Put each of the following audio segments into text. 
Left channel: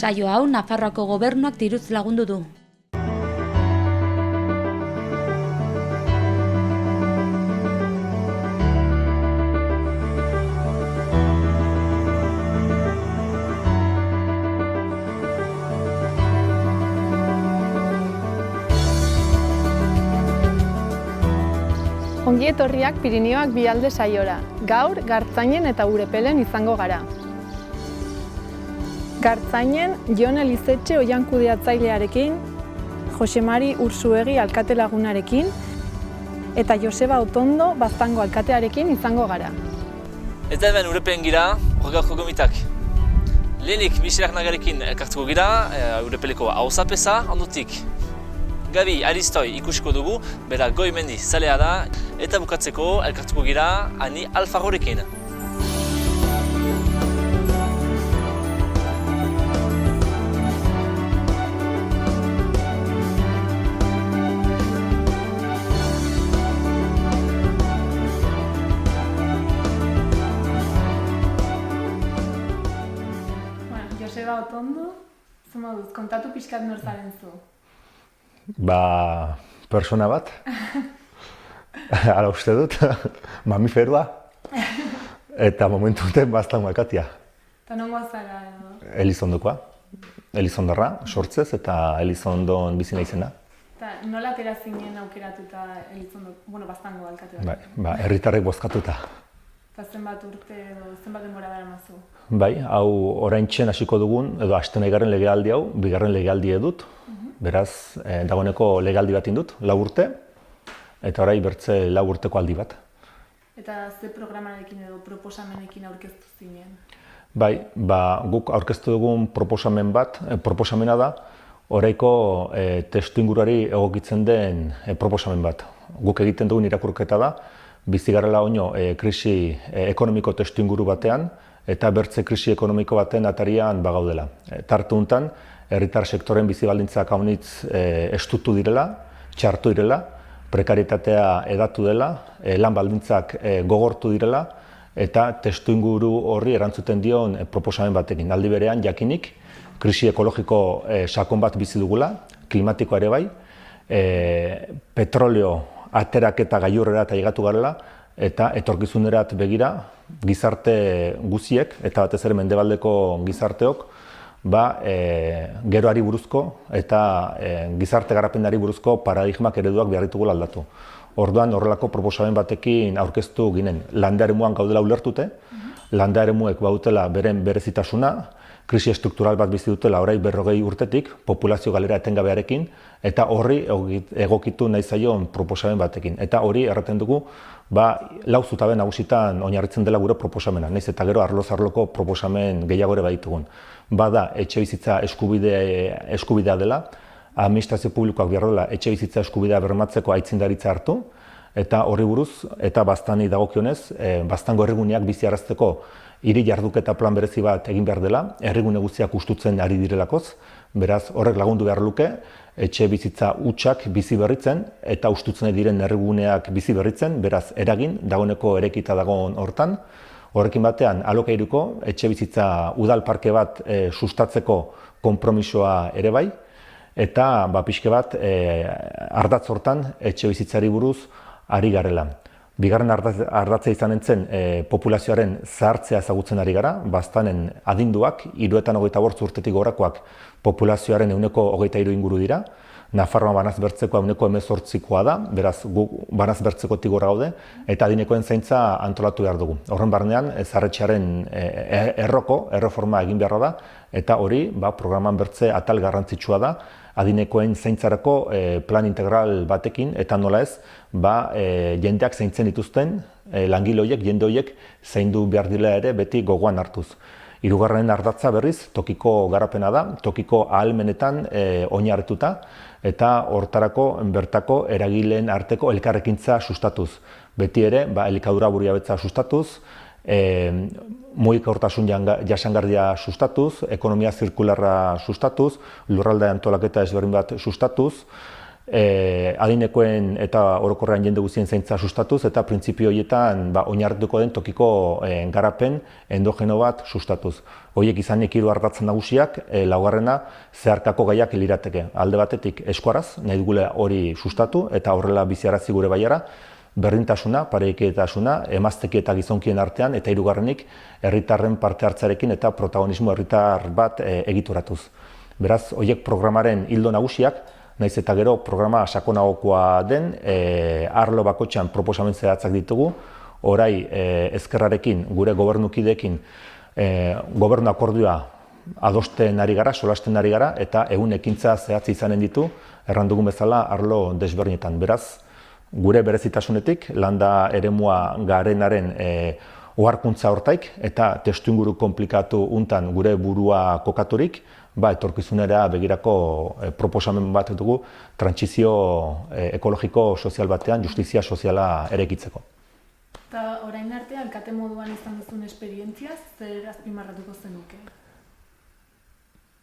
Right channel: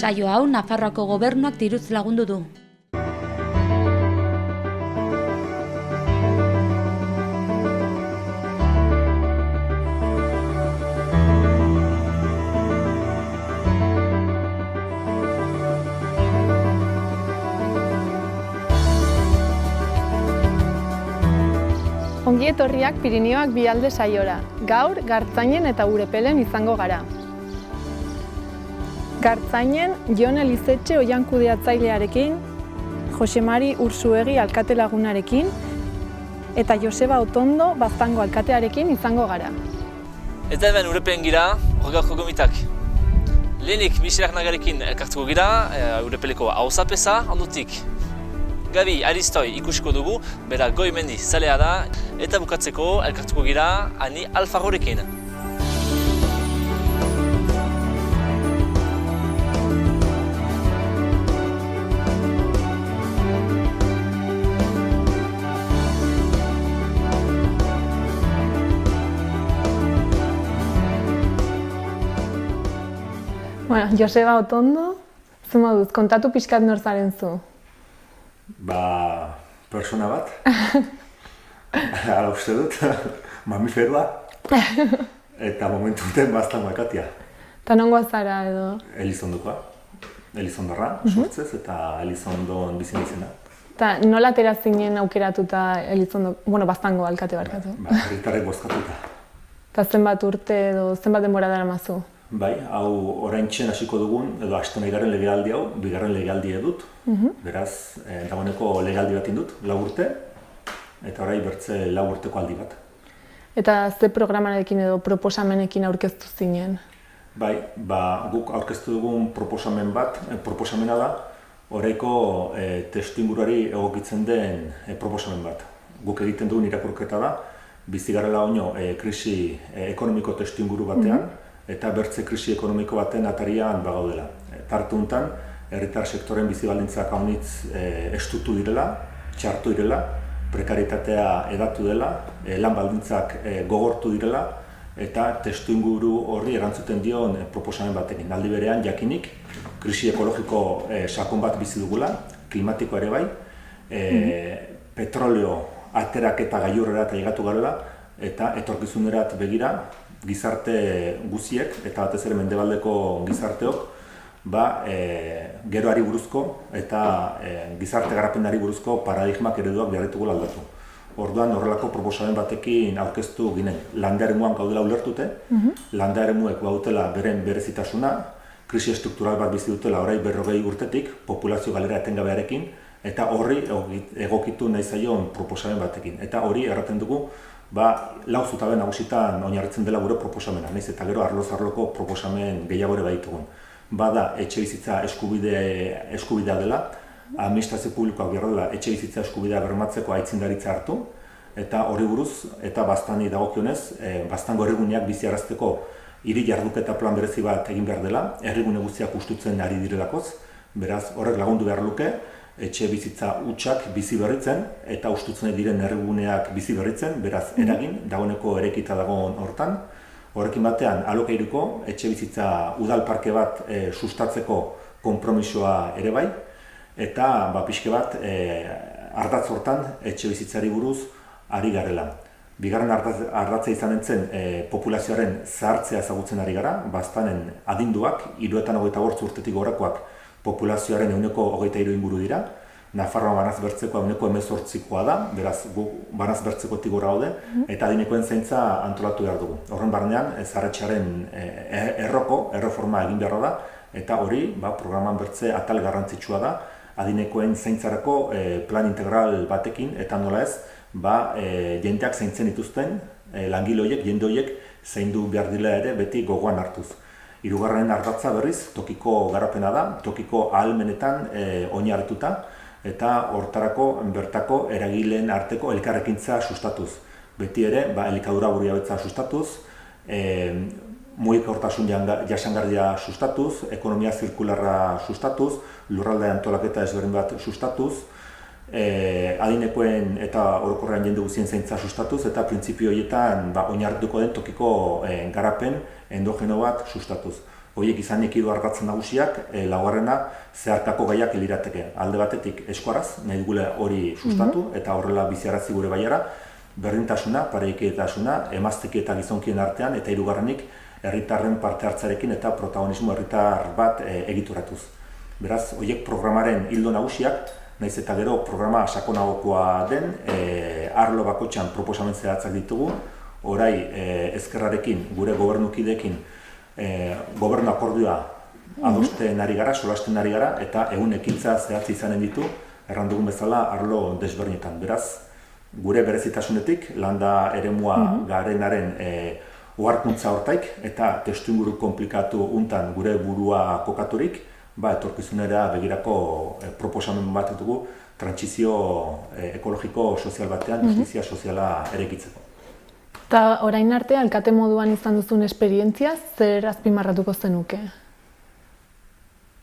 Saio hau Nafarroako gobernuak diruz lagundu du. Ongi etorriak Pirinioak Bialde saiora. Gaur, Gartzainen eta Urepelen izango gara. Gartzainen, Jon Elizetxe oihan kudeatzailearekin, Jose Mari Ursuegi alkate lagunarekin, eta Joseba Otondo Baztango alkatearekin izango gara. Eta hemen Urepelen gira, horregaurko gomitak. Lehenik Michel Arnagarekin elkartuko gira, Urepeleko auzapeza, ondotik Gabi Aristoi ikusiko dugu, bera Goimendi zalea da, eta bukatzeko elkartuko gira Ani Alfarorekin. Bueno, Joseba Otondo, zu moduz, kontatu pixkat nor zaren zu. Persona bat, ala uste dut, mamiferua, eta momentu enten Baztan alkatea. Eta nongoa zara edo? Elizondokoa, Elizondarra, sortzez, eta Elizondon bizi naizena. Eta nola atera zinen aukeratuta Baztango alkate barkatu? Herritarrek bozkatuta. Eta zenbat urte edo zenbat denbora daramazu? Bai, hau oraintxe hasiko dugun, edo hasten bigarren legealdi hau, bigarren legealdi dut. Beraz, dagoeneko legealdi bat indut, 4 urte, eta orain bertze 4 urteko aldi bat. Eta ze programarekin edo proposamenekin aurkeztu zinen? Bai, guk aurkeztu dugun proposamena da, oraiko testuinguruari egokitzen den proposamen bat. Guk egiten dugun irakurketa da, bizi garela oino krisi ekonomiko testuinguru batean, eta bertze krisi ekonomiko baten atarian bagaudela. Tartu honetan, herritar sektoren bizi baldintzak haunitz estutu direla, txartu direla, prekaritatea edatu dela, lan baldintzak gogortu direla, eta testuinguru horri erantzuten dion proposamen batekin. Aldi berean, jakinik, krisi ekologiko sakon bat bizi dugula, klimatikoa ere bai, petroleo ateraketa gailurrera eta higatu garela, eta etorkizunerat begira gizarte guziek, eta batez ere mendebaldeko gizarteok, geroari buruzko eta gizarte garapenari buruzko paradigmak ereduak behar ditugula aldatu. Orduan horrelako proposamen batekin aurkeztu ginen. Landa eremuan gaudela ulertute, landa eremuek badutela beren berezitasuna, krisi estruktural bat bizi dutela orain 40 urtetik, populazio galera etengabearekin, eta horri egokitu nahi zaion proposamen batekin. Eta hori erraten dugu, 4 zutabe nagusitan oinarritzen dela gure proposamena, nahiz eta gero arloz-arloko proposamen gehiago ere baditugun. Bada etxebizitza eskubidea dela, administrazio publikoak behar dela etxebizitza eskubidea bermatzeko aitzindaritza hartu, eta horri buruz, eta Baztani dagokionez, Baztango herriguneak biziarazteko hiri jarduketa plan berezi bat egin behar dela, herrigune guztiak hustutzen ari direlakoz, beraz horrek lagundu behar luke, etxe bizitza hutsak bizi berritzen eta hustutzen diren herriguneak bizi berritzen, beraz eragin, dagoeneko erekita dagoen hortan. Horrekin batean, alokairuko etxe bizitza udal parke bat sustatzeko konpromisoa ere bai, eta pixke bat ardatz hortan etxe bizitzari buruz ari garela. Bigarren ardatza izan entzen populazioaren zahartzea ezagutzen ari gara, Baztanen adinduak, 75 urtetik gorakoak populazioaren 23% inguru dira. Nafarroa banaz bertzekoa 18%koa da, beraz gu banaz bertzekotik gora gaude, eta adinekoen zaintza antolatu behar dugu. Horren barnean, zaharretxearen erreforma egin beharra da, eta hori programan bertze atal garrantzitsua da, adinekoen zaintzarako plan integral batekin, eta nola ez, jendeak zaintzen dituzten, langile horiek, jende horiek zaindu behar dira ere beti gogoan hartuz. Hirugarren ardatza berriz, tokiko garapena da, tokiko ahalmenetan oinarrituta, eta hortarako bertako eragileen arteko elkarrekintza sustatuz. Beti ere, elikadura burujabetza sustatuz, mugikortasun jasangarria sustatuz, ekonomia zirkularra sustatuz, lurralde antolaketa ezberdin bat sustatuz, adinekoen eta orokorrean jende guztien zaintza sustatuz eta printzipio horietan oinarrituko den tokiko garapen endogeno bat sustatuz. Horiek izanik 3 ardatz nagusiak, laugarrena zeharkako gaiak lirateke. Alde batetik eskuaraz, nahi dugule hori sustatu eta horrela biziarazi gure baiara, berdintasuna, parekidetasuna, emazteki eta gizonkien artean eta 3. Herritarren parte hartzarekin eta protagonismo herritar bat egituratuz. Beraz, horiek programaren ildo nagusiak, nahiz eta gero programa sakonagokoa den, arlo bakoitzean proposamen zehatzak ditugu, orai ezkerrarekin, gure gobernukideekin, gobernu akordioa adosten ari gara, solasten ari gara, eta egun ekintza zehatz izanen ditu, erran dugun bezala arlo desberdinetan. Beraz, gure berezitasunetik, landa eremua garenaren oharkuntza hortaik, eta testuinguru konplikatu untan gure burua kokaturik, etorkizunera begirako proposamen bat dugu trantsizio ekologiko sozial batean, justizia soziala eraikitzeko. Eta orain arte, alkate moduan izan duzun esperientzia, zer azpimarratuko zenuke?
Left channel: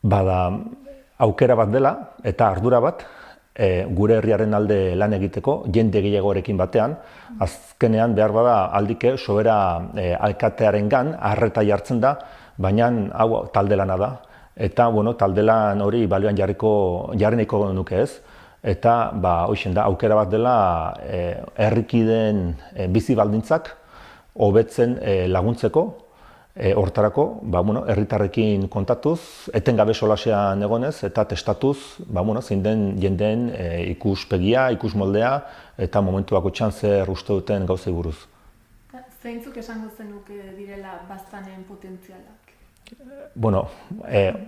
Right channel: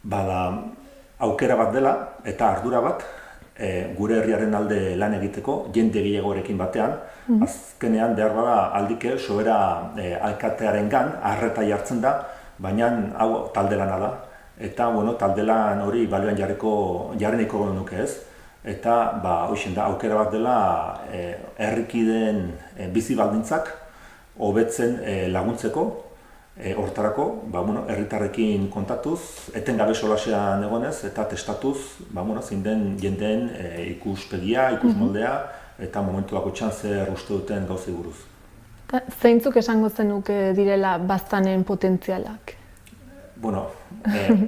Bada, aukera bat dela eta ardura bat, gure herriaren alde lan egiteko, jende gehiagorekin batean, azkenean behar bada aldike sobera alkatearengan arreta jartzen da, baina hau talde lana da. Eta, talde lan hori balioan jarreneko nuke ez. Eta, hoixen da, aukera bat dela herrikideen bizi baldintzak hobetzen laguntzeko, hortarako, herritarrekin kontatuz, etengabe solasean egonez eta testatuz, zein den jendeen ikuspegia, ikusmoldea eta momentu bakoitzean zer uste duten gauzei buruz. Zeintzuk esango zenuke direla baztanen potentzialak?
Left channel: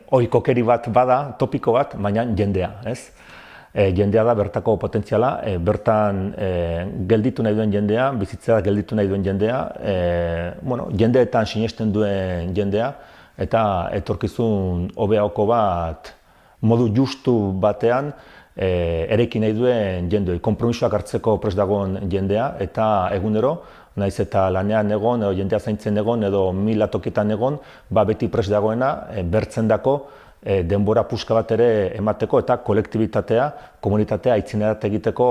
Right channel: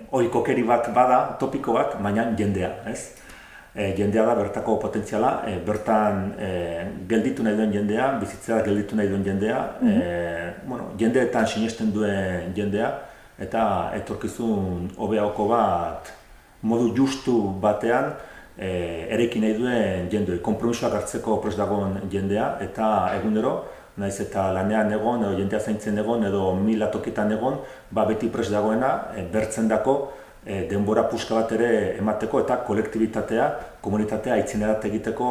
Ohikokeri bat bada, topiko bat, baina jendea, ez? Jendea da bertako potentziala, bertan gelditu nahi duen jendea, bizitzera gelditu nahi duen jendea, jendeetan sinesten duen jendea, eta etorkizun hobeago bat modu justu batean eraiki nahi duen jendea, konpromisoak hartzeko prest dagoen jendea, eta egunero, naiz eta lanean egon, edo jendea zaintzen egon, edo 1000 tokitan egon, beti prest dagoena bertzen dako denbora puska bat ere emateko eta kolektibitatea, komunitatea aitzinerat egiteko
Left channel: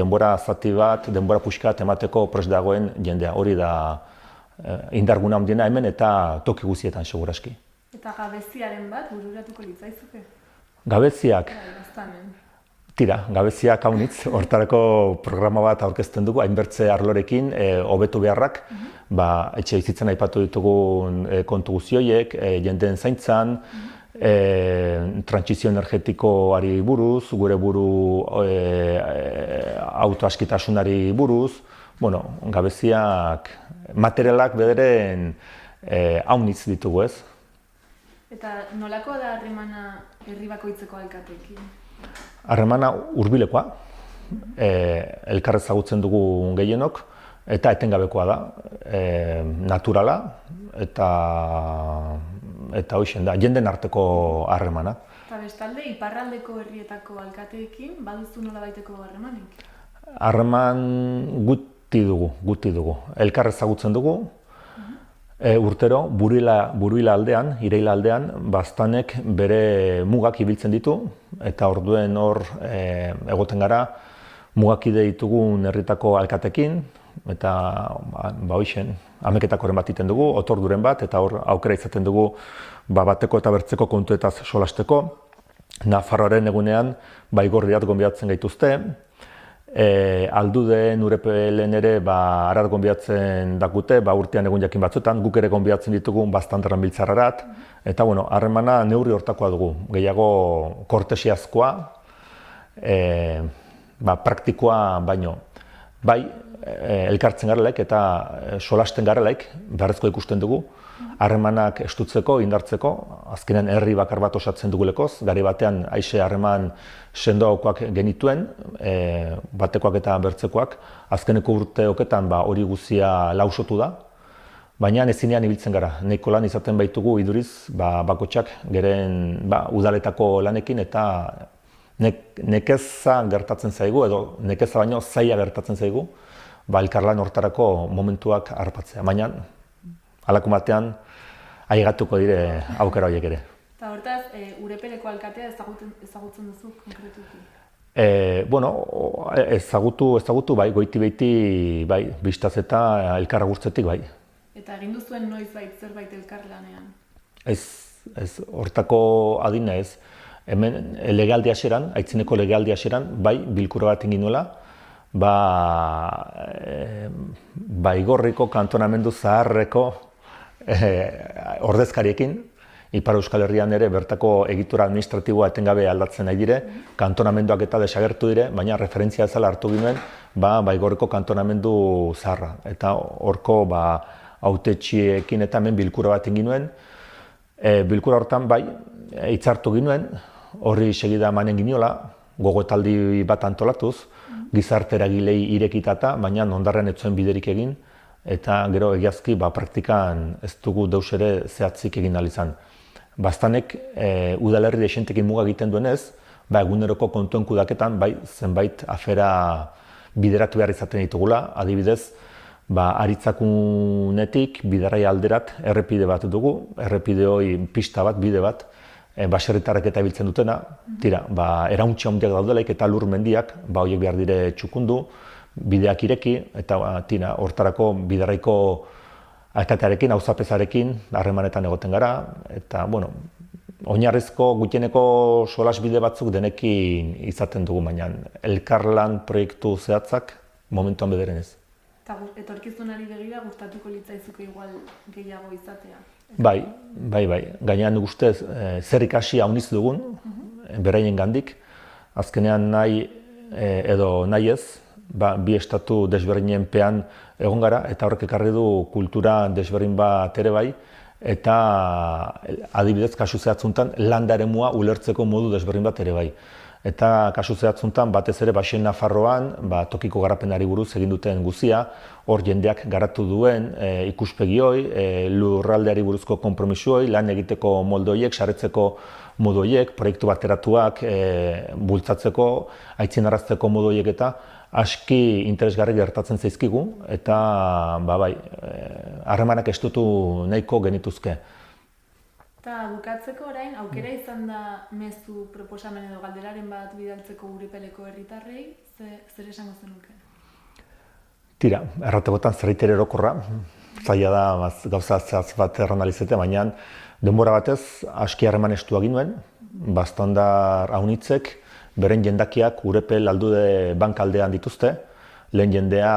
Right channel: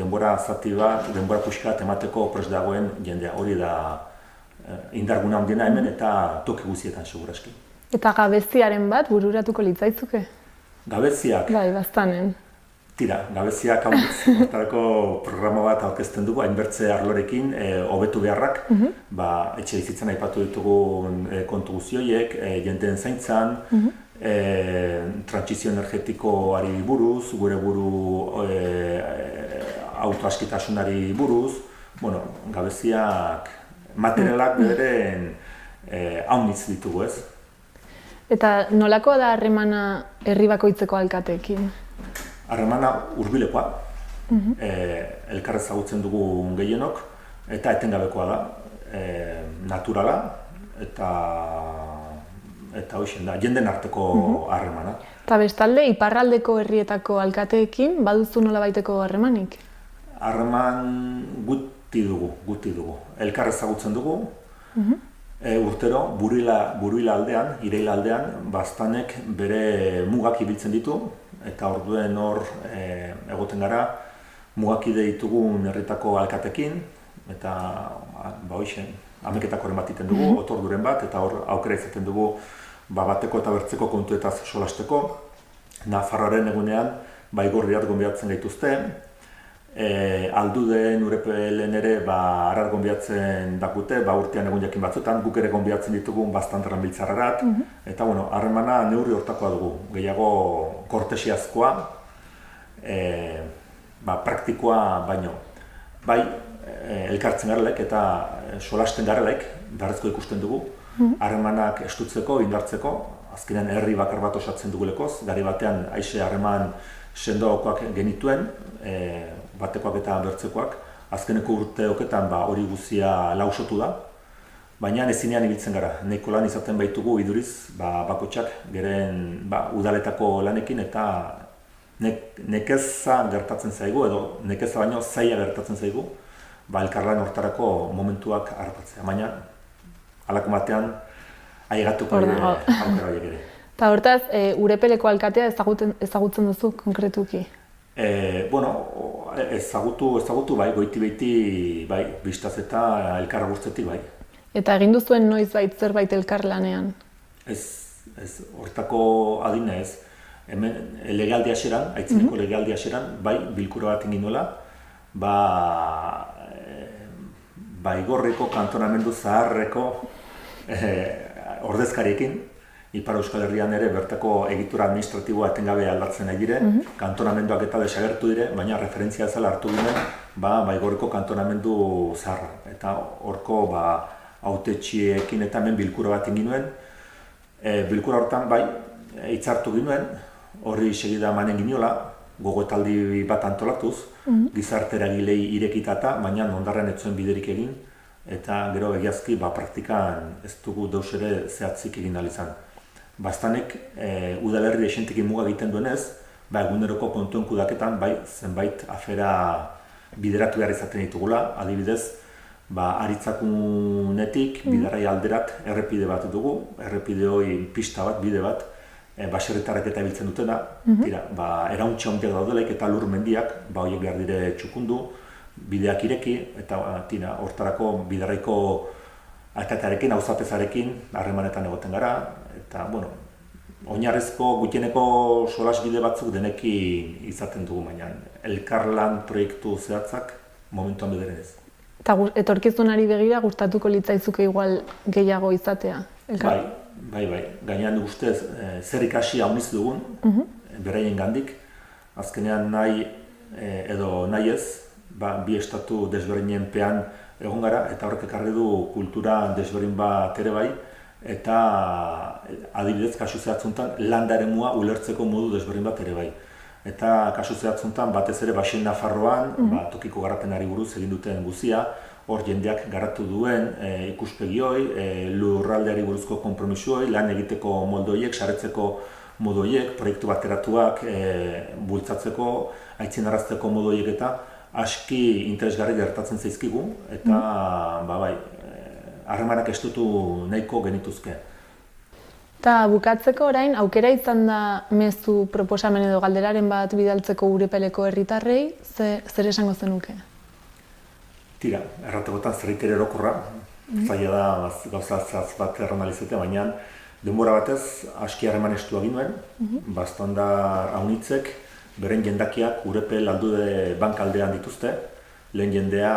denbora zati bat, denbora puska bat emateko prest dagoen jendea. Hori da indarguna handiena hemen eta toki guztietan seguraski. Eta gabeziaren bat bururatuko litzaizuke? Gabeziak? Bai, baztanen. Tira, gabeziak haunitz, hortarako programa bat aurkezten dugu, hainbertze arlorekin, hobetu beharrak, etxe bizitzan aipatu ditugun kontu guztioiek, jendeen zaintzan, trantsizio energetikoari buruz, gure buru autoaskitasunari buruz, gabeziak, materialak bederen haunitz ditugu ez. Eta nolako da harremana herri bakoitzeko alkateekin? Harremana hurbilekoa, elkar ezagutzen dugu gehienok, eta etengabekoa da, naturala, eta hoixen da, jenden arteko harremana. Eta bestalde, iparraldeko herrietako alkateekin, baduzu nolabaiteko harremanik? Harreman guti dugu. Elkar ezagutzen dugu, urtero, Buruila aldean, Ireila aldean, baztanek bere mugak ibiltzen ditu, eta orduen hor egoten gara, mugakide ditugun herritako alkatekin, eta hoixen, ameketakoren bat iten dugu, otorduren bat, eta hor aukera izaten dugu bateko eta bertzeko kontuetaz solasteko. Nafarroaren egunean, Baigorriat gonbidatzen gaituzte, Alduden, Urepelen ere arar gonbidatzen dakute, urtean egun jakin batzutan, guk ere gonbidatzen ditugun Baztanderran biltzarrarat, eta harremana neurri hortakoa dugu, gehiago kortesiazkoa, praktikoa baino. Bai, elkartzen garelaik eta solasten garelaik, beharrezko ikusten dugu, harremanak estutzeko, indartzeko, azkenean herri bakar bat osatzen dugulekoz, gari batean aixe harreman sendoakoak genituen, batekoak eta bertzekoak, azkeneko urteoketan hori guzia lausotu da, baina ezinean ibiltzen gara. Nahiko lan izaten baitugu iduriz, bakotxak geren udaletako lanekin eta nekeza gertatzen zaigu, edo nekeza baino zaila gertatzen zaigu, elkarlan hortarako momentuak harrapatzea. Baina, halako batean, aigatuko aukera horiek ere. Eta hortaz, Urepeleko alkatea ezagutzen duzu konkretuki? Ezagutu bai, goiti-beiti bai, bistaz eta elkarra guztetik bai. Eta egin duzuen noizbait zerbait elkarlanean? Ez, hortako adina ez. Hemen legealdi haseran, aitzineko legealdi haseran, bai, bilkura bat egin nuela, Baigorriko kantonamendu zaharreko ordezkariekin, Ipar Euskal Herrian ere bertako egitura administratiboa etengabe aldatzen nahi dire, kantonamenduak eta desagertu dire, baina referentzia ezala hartu ginen, Baigorriko kantonamendu zaharra. Eta horko hautetxiekin eta hemen bilkura bat egin nuen. Bilkura hortan bai, hitzartu ginen, horri segida emanen ginola, gogoetaldi bat antolatuz, gizarte eragilei irekitata, baina ondarren ez zuen biderik egin, eta gero egiazki praktikan ez dugu deus ere zehatzik egin ahal izan. Bastanek udalerri desentekin muga egiten duenez, eguneroko kontuen kudaketan zenbait afera bideratu behar izaten ditugula, adibidez, Aritzakunetik bidarai alderat errepide bat dugu, errepide hori pista bat, bide bat, baserritarrek eta ibiltzen dutena, erauntxe handiak daudelaik eta lur mendiak, horiek behar dire txukundu, bideak ireki, eta hortarako bidaraiko alkatearekin, auzapezarekin harremanetan egoten gara, eta, oinarrezko gutieneko solas bide batzuk denekin izaten dugu, baina elkarlan proiektu zehatzak momentuan bederen ez. Eta etorkizunari begira gustatuko litzaizuke igual gehiago izatea? Bai. Gainean ustez zer ikasi handiz dugun, beraien gandik. Azkenean nahi edo nahi ez, bi estatu desberdinen pean egon gara, eta horrek ekarri du kultura desberdin bat ere bai, eta adibidez kasu zehatzuntan landa eremua ulertzeko modu desberdin bat ere bai. Eta kasu zehatzuntan batez ere Baxen Nafarroan, tokiko garapenari buruz egin duten guzia, hor jendeak garatu duen ikuspegi hoi, lurraldeari buruzko konpromiso hoi, lan egiteko molde horiek, saretzeko modu horiek, proiektu bateratuak bultzatzeko, aitzindarazteko modu horiek eta aski interesgarri gertatzen zaizkigu, eta harremanak estutu nahiko genituzke. Eta bukatzeko orain, aukera izan da mezu proposamen edo galderaren bat bidaltzeko Urepeleko herritarrei, zer esango zenuke? Tira, erratekotan zerritere erokorra, zaila da gauza zehatz bat erranalizete, baina denbora batez aski harreman estua ginoen, bastandar haunitzek, beren jendakiak Urepel aldude bankaldean dituzte, lehen jendea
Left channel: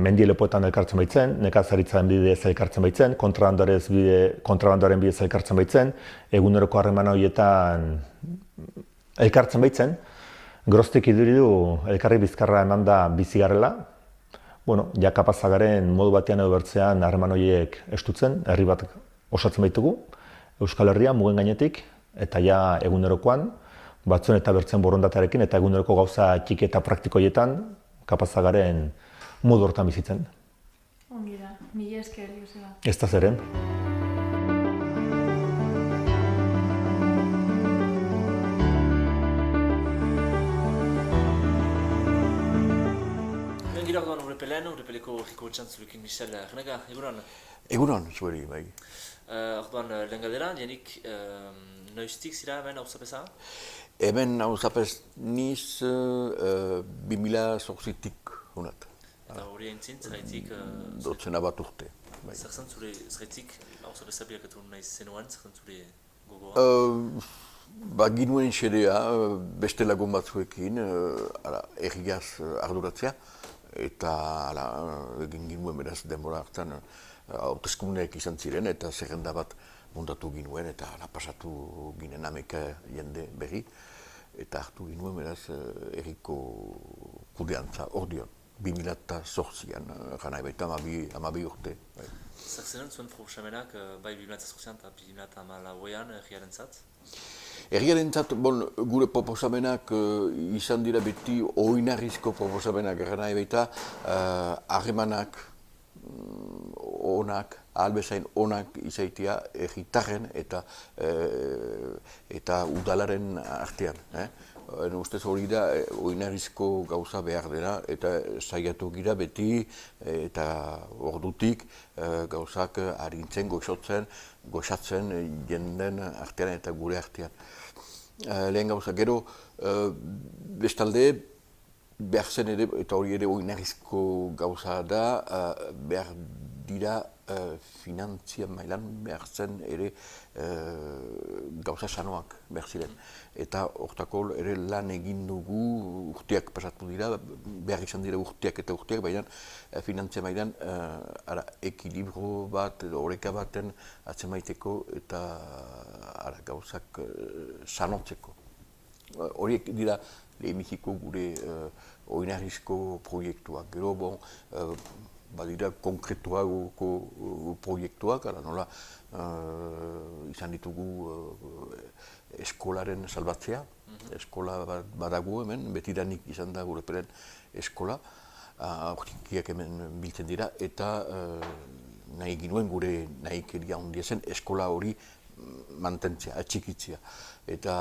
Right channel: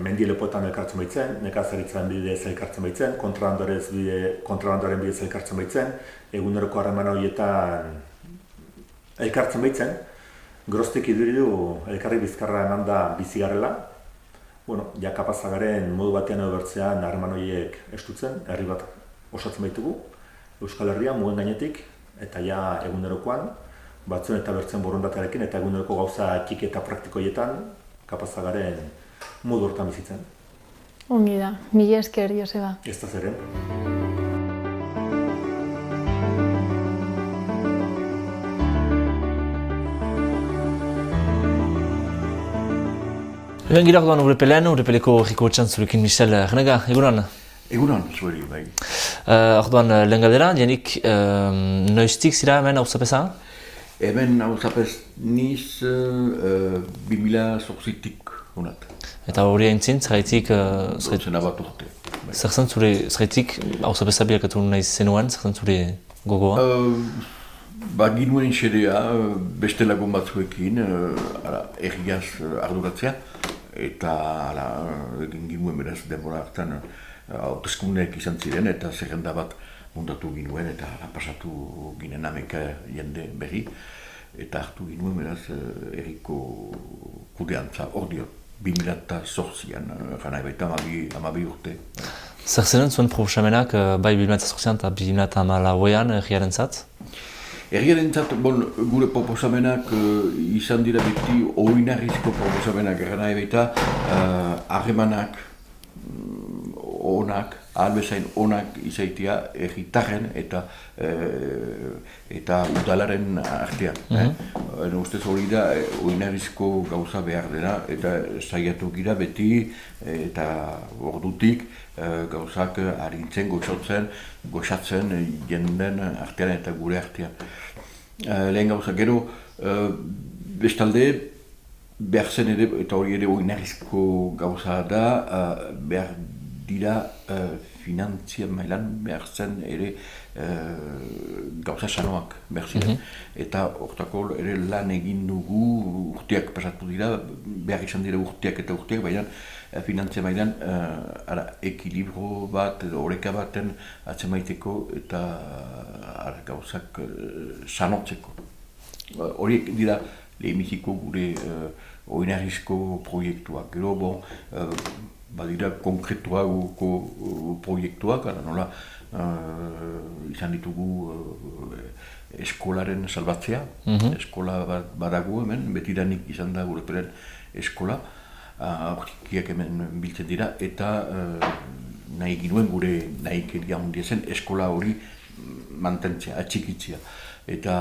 mendielepoetan elkartzen baitzen, nekazaritzaren bidez elkartzen baitzen, kontrabandoaren bidez elkartzen baitzen, eguneroko harreman horietan elkartzen baitzen, geroztik iduridu elkarri bizkarra eman da bizi garela, ja kapazagaren modu batean edo bertzean harreman horiek estutzen, herri bat osatzen baitugu, Euskal Herria mugen gainetik, eta ja egunerokoan, batzuen eta bertzen borondatearekin, eta eguneroko gauza txiki eta praktikoietan, kapazagaren modu hortan bizitzen. Ongi da, mila esker, Joseba. Ez da zeren. Eben gira orduan Urepelean, Urepeleko herriko etxan zurekin Michel Renega, egunon? Egunon, zuheri, bai. Orduan lehen galdera, jenik noiztik zira hemen auzapeza? Hemen auzapez niz 2008-tik unat. Eta hori haintzin, zeraitik... Zena bat urte. Zer zen zure, zeraitik auzapeza bilakatu nahi zenuen, zer zen zure gogoa? Ginuen xedea beste lagun batzuekin, erriaz arduratzea, eta egin ginuen beraz denbora hartan hauteskundeak izan ziren, eta zerrenda bat montatu ginuen, eta pasatu ginen ameka jende berri, eta hartu ginuen beraz erriko kudeantza ordio, 2008an, gana ebaita 12 urte. Zer zenen zuen proposamenak bai 2008an eta 2014an erriaren zat? Erriaren zat, gure proposamenak izan dira beti oinarrizko proposamenak, gana ebaita harremanak onak, ahalbezain onak izaitia erritarren eta udalaren artean. Ustez hori da oinarrizko gauza behar dena eta saiatu gira beti eta ordutik gauzak arintzen, goxatzen jenden artean eta gure artean. Lehen gauza, gero bestalde, behar zen ere, eta hori ere oinarrizko gauza da, behar dira finantzia mailan behar zen ere gauza sanoak behar ziren. Eta hortako ere lan egin dugu urteak pasatu dira, behar izan dira urteak eta urteak, baina finantzia mailan ekilibro bat, oreka baten atzemaiteko eta gauzak sanotzeko. Horiek dira lehenbiziko gure oinarrizko proiektuak. Gero, badira konkretuago proiektuak, nola izan ditugu eskolaren salbatzea. Eskola badago hemen, betidanik izan da gure peren eskola. Aurkikiak hemen biltzen dira, eta nahi ginuen gure nahikeria handia zen eskola hori mantentzea, atxikitzea. Eta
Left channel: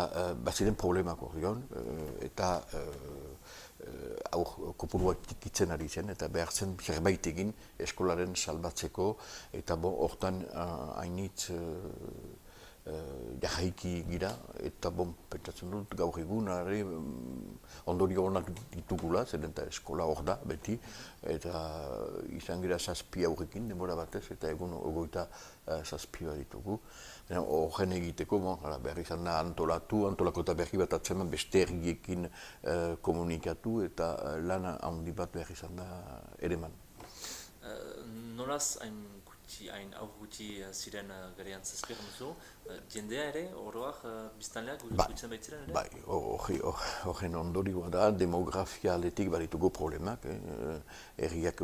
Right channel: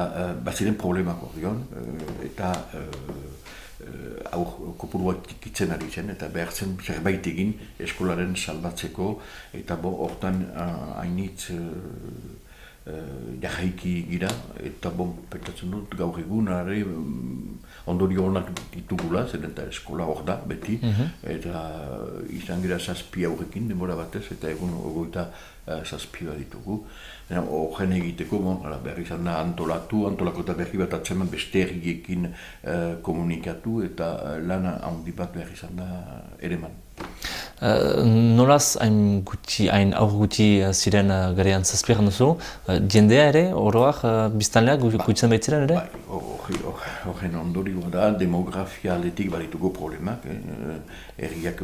baziren problemako, eta kopuruak tikitzen ari zen, eta behar zen zerbait egin eskolaren salbatzeko, eta hortan hainitz jahaiki gira, eta pentsatzen dut gaur egun ondorio honak ditugula, zen eta eskola hor da, beti, eta izan gira 7 aurrekin denbora batez, eta egun 27 ditugu. Horren egiteko, behar izan da antolako eta berri bat atzeman beste herriekin komunikatu, eta lana handi bat behar izan da ereman. Nolaz hain aur guti ziren garean zazpiak duzu, jendea ere, oroak biztanleak guitzen baitziren ere? Horren ondorioa da, demografia aletik baditugu problemak, herriak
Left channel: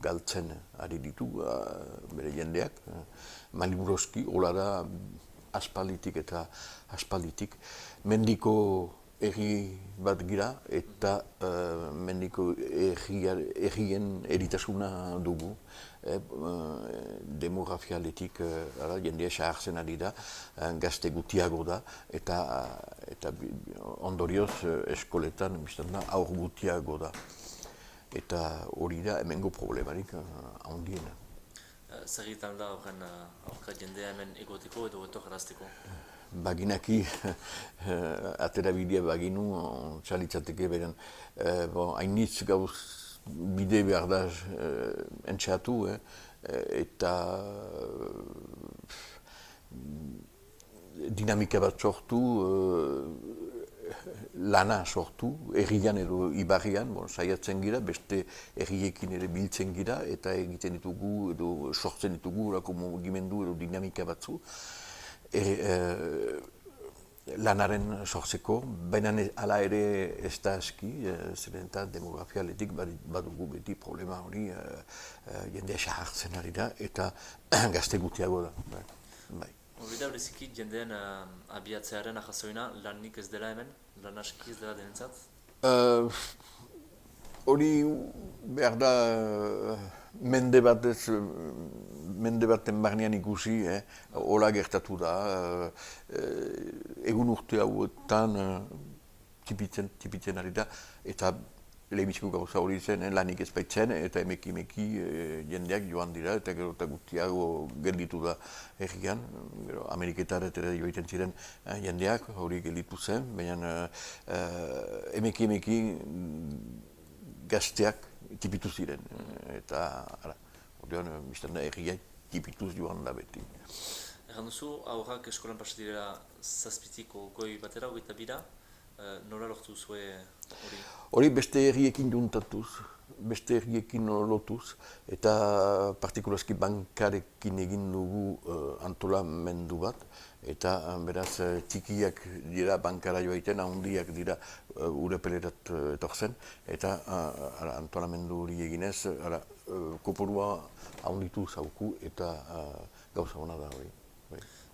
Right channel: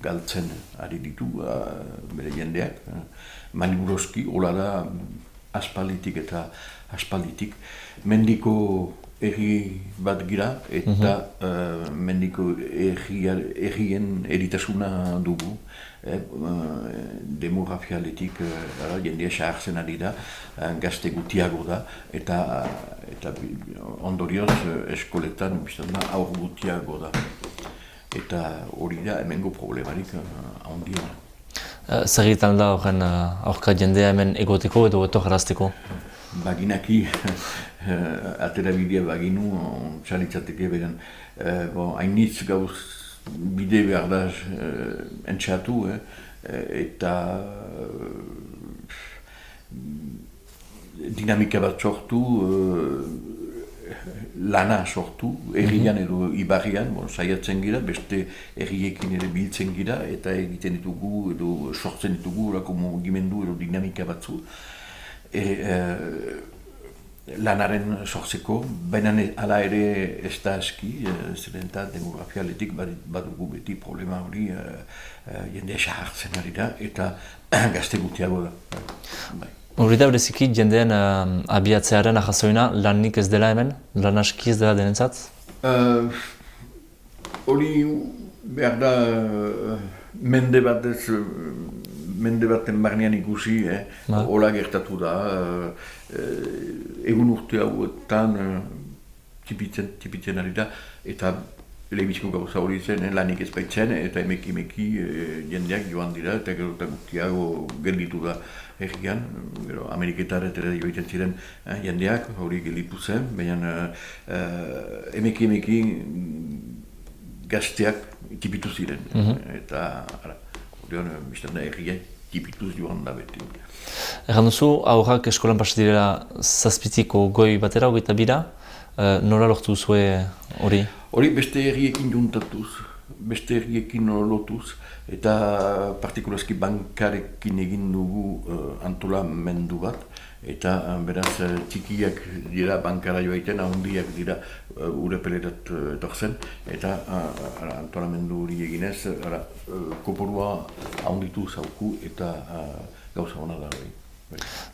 galtzen ari ditu bere jendeak. Maliburoski, hola da aspalditik eta aspalditik. Mendiko herri bat gira eta mendiko herrien eritasuna dugu. Demografia aletik jendea sahartzen ari da, gazte gutiago da, eta ondorioz eskoletan aur gutiago da. Eta hori da hemengo problemarik handiena. Zer egiten da horren aurka jendea hemen egoteko edo etorrazteko? Baginaki, atera bidea baginu, txalitzateke beren. Hainitz gauz bide behar da entxatu, eta dinamika bat sortu, lana sortu, herrian edo ibarrian, saiatzen gira, beste herriekin ere biltzen gira, eta egiten ditugu edo sortzen ditugu orako mugimendu edo dinamika batzu. Lanaren sortzeko, baina hala ere ez da aski, zeren eta demografia aletik badugu beti problema hori jendea sahartzen ari da, eta gazte gutiago da. Hori da bereziki jendean abiatzearen ahazoina lanik ez dela hemen? Lan aski ez dela denentzat? Hori behar da mende baten barnean ikusi, hola gertatu da. Egun urte hauetan tipitzen ari da, eta lehenbiziko gauza hori zen, lanik ez baitzen, eta emeki jendeak joan dira, eta gero eta gutiago gelditu da herrian. Ameriketara eta joiten ziren jendeak hori gelditu zen, baina emeki gazteak tipitu ziren. Eta hori biztan da herriak tipituz joan da beti. Erran duzu, aurrak eskolan pasa direla 7-tiko goi batera, 22, nola lortu zue hori? Hori beste herriekin juntatuz, beste herriekin lotuz, eta partikulazki bankarekin egin dugu antolamendu bat, eta beraz txikiak dira bankara joaiten, handiak dira Urepelerat etortzen, eta antolamendu hori eginez, koporua handitu zauku eta gauza hona da hori.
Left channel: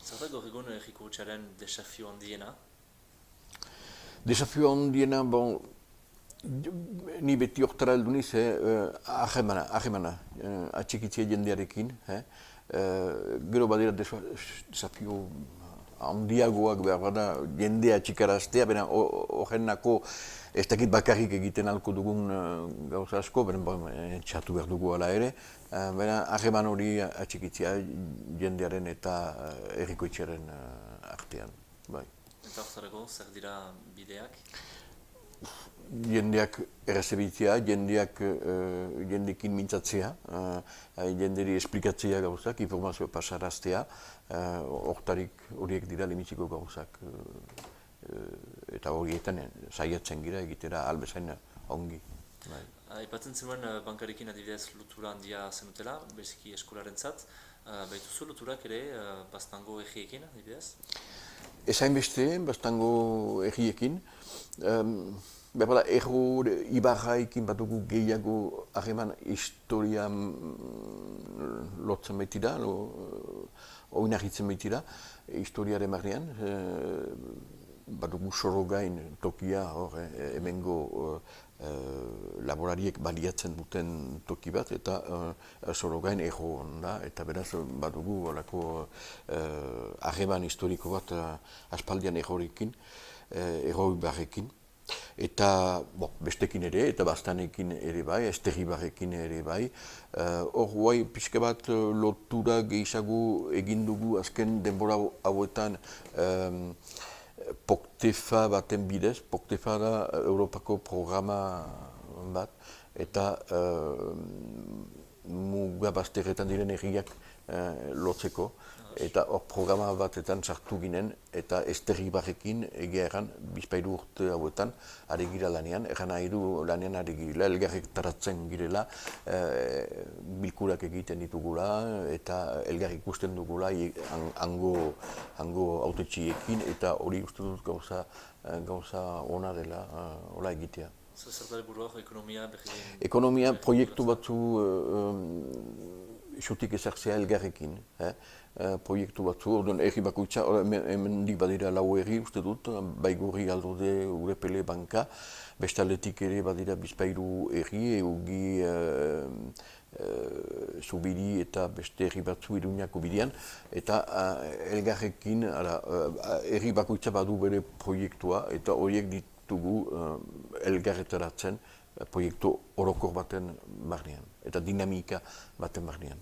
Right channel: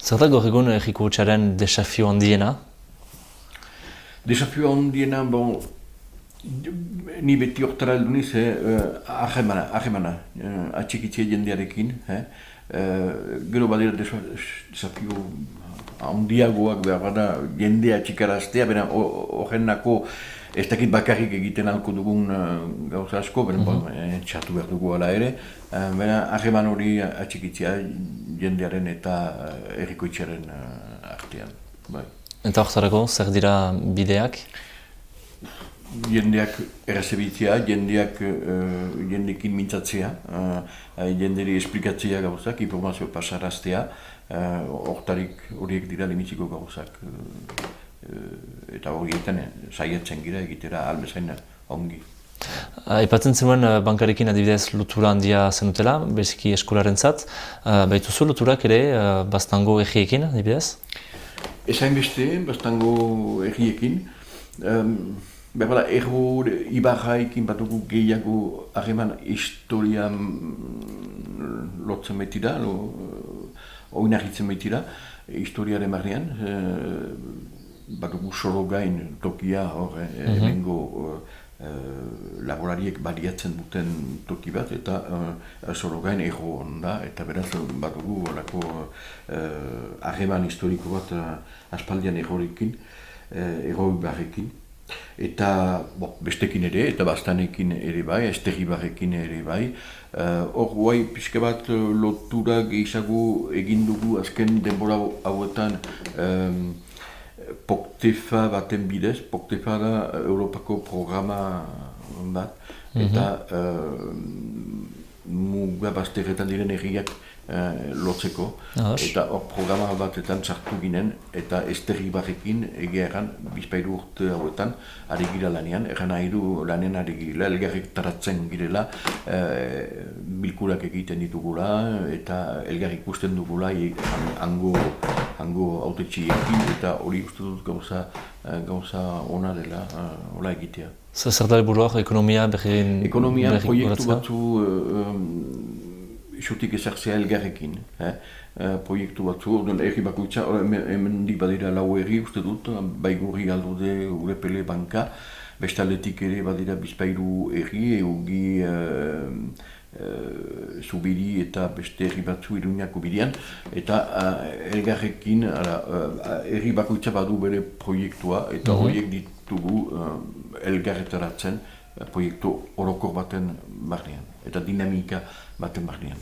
Zer da gaur egun herriko hutsaren desafio handiena? Desafio handiena, ni beti hortara heldu niz, ahemana, atxikitzea jendearekin. Gero badira desafio handiagoak behar da jendea atxikaraztea, baina horrenako ez dakit bakarrik egiten alko dugun gauza asko, baina txatu behar dugu ala ere, baina aheman hori atxikitzea jendearen eta herrikoitzaren artean. Eta horretarako, zer dira bideak? jendeak errezebitzea, jendekin mintzatzea, jenderi esplikatzea gauzak, informazio pasaraztea, horiek dira limitziko gauzak. Eta horietan saietzen gira egitera albezain ongi. Aipatzen zenuen bankarekin adibidez lotura handia zenutela, beziki eskolarentzat. Baituzu loturak ere Baztango egiekin adibidez? Ezain beste, Baztango egiekin. Berbala, erro ibarraikin batugu gehiago harreman historian lotzen baitira, oinarritzen baitira, historiaren barnean. Batugu Sorogain tokia hor, hemengo laborariek baliatzen duten toki bat, eta Sorogain erro da, eta beraz batugu horako harreman historiko bat aspaldian errorekin, erro ibarrekin. Eta bestekin ere, eta Baztanekin ere bai, Esterribarrekin ere bai. Hor guai pixka bat lotura gehiago egin dugu azken denbora hauetan Poktefa baten bidez. Poktefa da Europako programa bat, eta muga bazterretan diren herriak lotzeko, eta hor programa batetan sartu ginen, eta Esterribarrekin egia erran, bizpairu urte hauetan, ari gira lanean, erran nahi du lanean ari gira, elgarrik taratzen girela, bilkurak egiten ditugula, eta elgarrik ikusten dugula hango autetxiekin, eta hori uste dut gauza ona dela, hola egitea. Zer da helburuak ekonomia berri... Ekonomia proiektu batzu isotik ezartzea elgarrekin. Proiektu batzu, erri bakoitza, hemendik badira lau erri uste dut, Baigorri, Aldode, Urepele, Banka, bestaldetik ere badira bizpairu erri, Eugi, Zubiri eta beste erri batzu Iruñako bidean, eta elgarrekin erri bakoitza badu bere proiektua, eta horiek ditugu elgarretaratzen proiektu orokor baten barnean, eta dinamika baten barnean.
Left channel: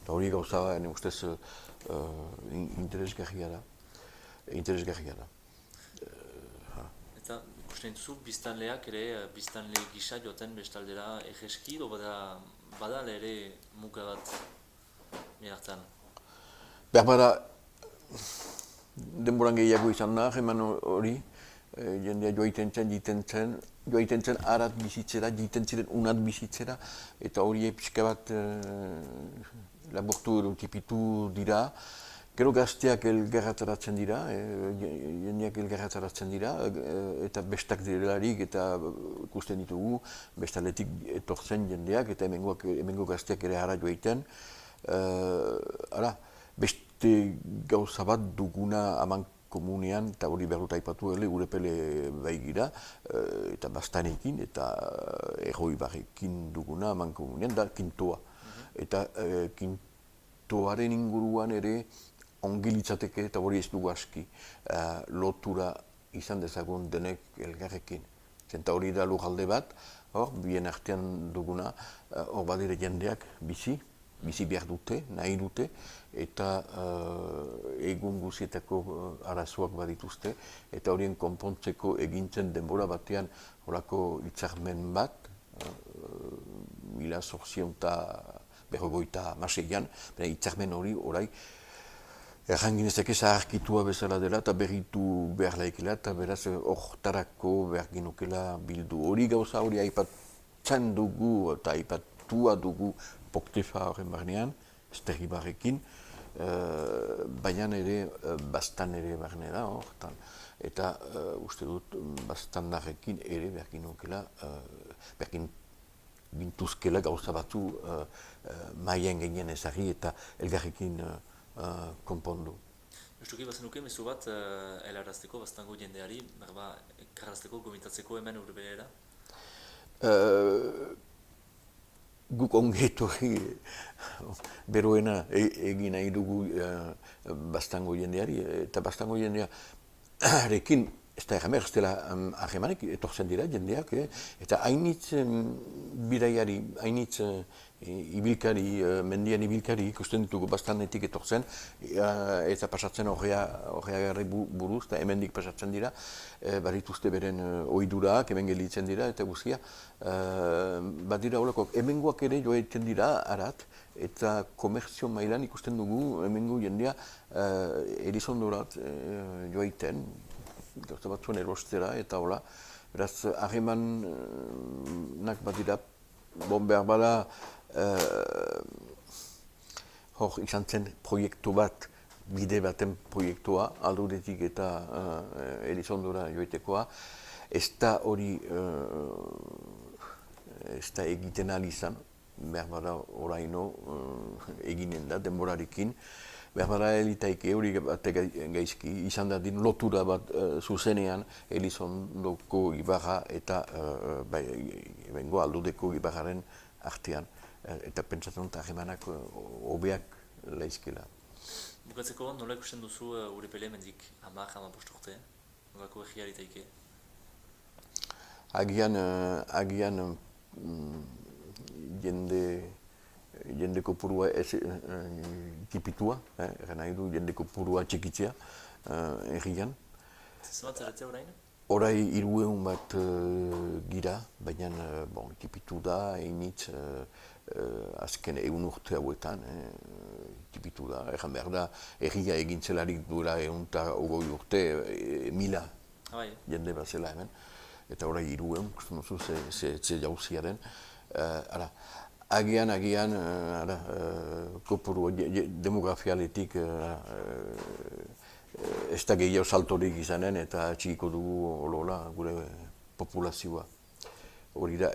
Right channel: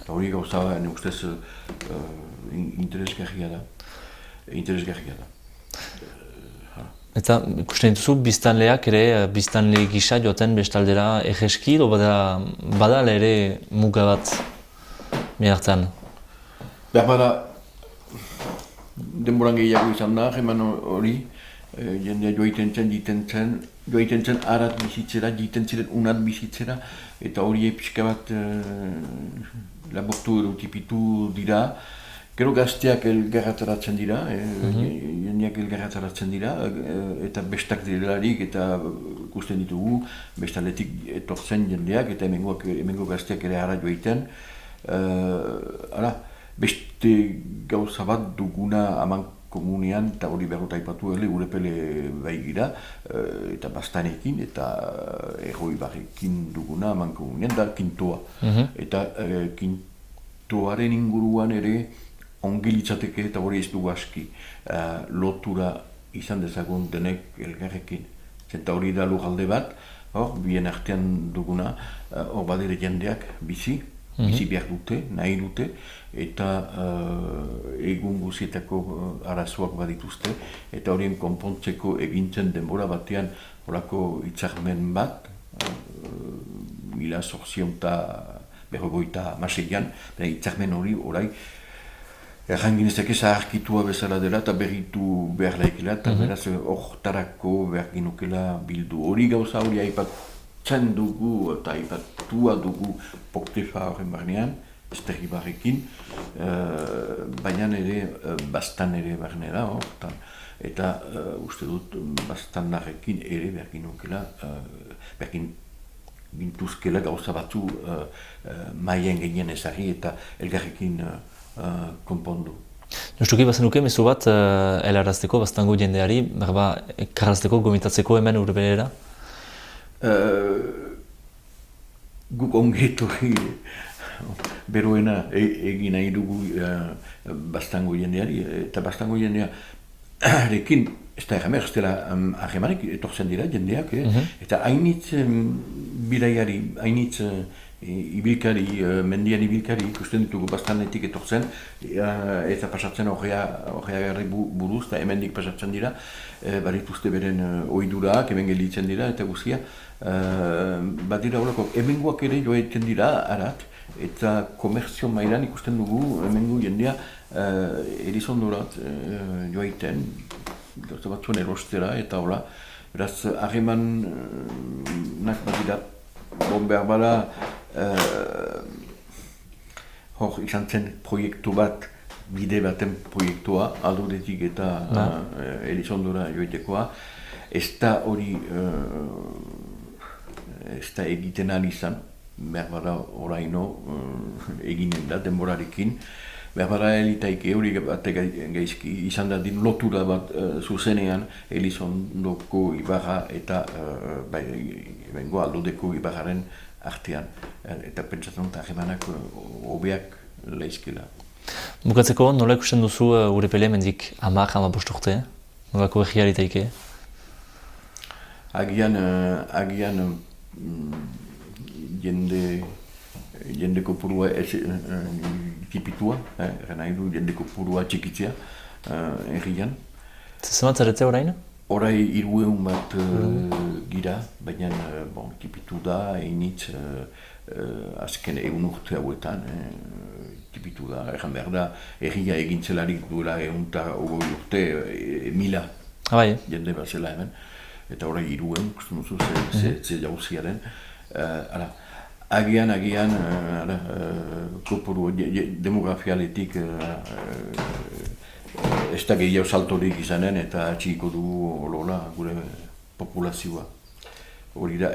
Eta hori gauza, ne ustez, interesgarria da. Eta ikusten dituzu biztanleak ere, biztanle gisa joaten bestaldera egeski, edo badala ere muga bat miartan? Bada, denboran gehiago izan da, eman hori, jendea joaiten zen arat bizitzera, jiten ziren unat bizitzera, eta hori pixka bat laburtu edo tipitu dira. Gero gazteak elgarrataratzen dira, jendeak elgarrataratzen dira, eta bestak direlarik eta ikusten ditugu, bestaletik etortzen jendeak, eta hemengo gazteak ere ara joaiten. Beste gauza bat duguna aman komunean, eta hori behar dut aipatu Urepele bai gira, eta Baztanekin, eta Erroibarrekin duguna aman komunean, da kintoa. Eta kintoaren inguruan ere ongi litzateke, eta hori ez dugu aski, lotura izan dezagun denek elgarrekin. Eta hori da lujalde bat, bien artean duguna, hor badire jendeak bizi behar dute, nahi dute, eta egun guzietako arazoak badituzte, eta horien konpontzeko egintzen denbora batean horako hitzarmen bat, 1856an, hitzarmen hori orai erranginezake zaharkitua bezala dela eta berritu behar laikela, eta beraz hortarako behar ginukela bildu. Hori gauza hori aipatzen dugu eta aipatua dugu Poktefa horren barnean, Esterribarrekin, baina ere Baztan ere barnera horretan. Eta uste dut Baztandarrekin ere behar ginukela, behar gintuzkela gauza batzu maien genien ezagri eta elgarrekin konpondu. Justuki bazenuke mezu bat helarazteko Baztango jendeari, karrazteko, gomitatzeko hemen Urepelera? Guk ongetorri beroena egin nahi dugu Baztango jendeari, eta Baztango jendearekin ez da erramer, ez dela harremanek etortzen dira jendeak, eta hainitz bidaiari, hainitz ibilkari, mendian ibilkari ikusten ditugu bastanetik etortzen, eta pasatzen horreagarri buruz, eta hemendik pasatzen dira, barituzte beren ohidurak, hemen gelditzen dira, eta guztia. Bat dira horreko, hemengoak ere joaiten dira, harat, eta komerzio mailan ikusten dugu, hemengo jendea Elizondorat joaiten, gauza batzuen erostera, eta hola, beraz, harremanak bat dira, behar bada, hor izan zen proiektu bat, bide baten proiektua, alduretik eta Elizondora joitekoa, ez da hori, ez da egiten ahal izan, behar bada oraino eginen da denborarekin, behar bada elitaike hori bat gaizki izan da din lotura bat zuzenean Elizondoko ibarra eta bengo aldudeko ibarraren artean, eta pentsatzen dut harremanak hobeak laizkela. Bukatzeko, nola ikusten duzu Urepele mendik 10-15 urte? Nolako egia litaike? Agian jende kopurua tipitua, nahi du jende kopurua txikitzea errian. Zenbat zaretzea orain? Horai 300 bat gira, baina tipitu da, einitz azken egun urte hauetan, tipitu da, erran behar da, erria egintzelarik duela 120 urte, 1000 jende bat zela hemen, eta horai 300, kusten duzu, ze jauziaren. Agian, kopuru demografialetik ez da gehiago saltorik izanen eta txiko dugu olola gure populazioa. Hori da,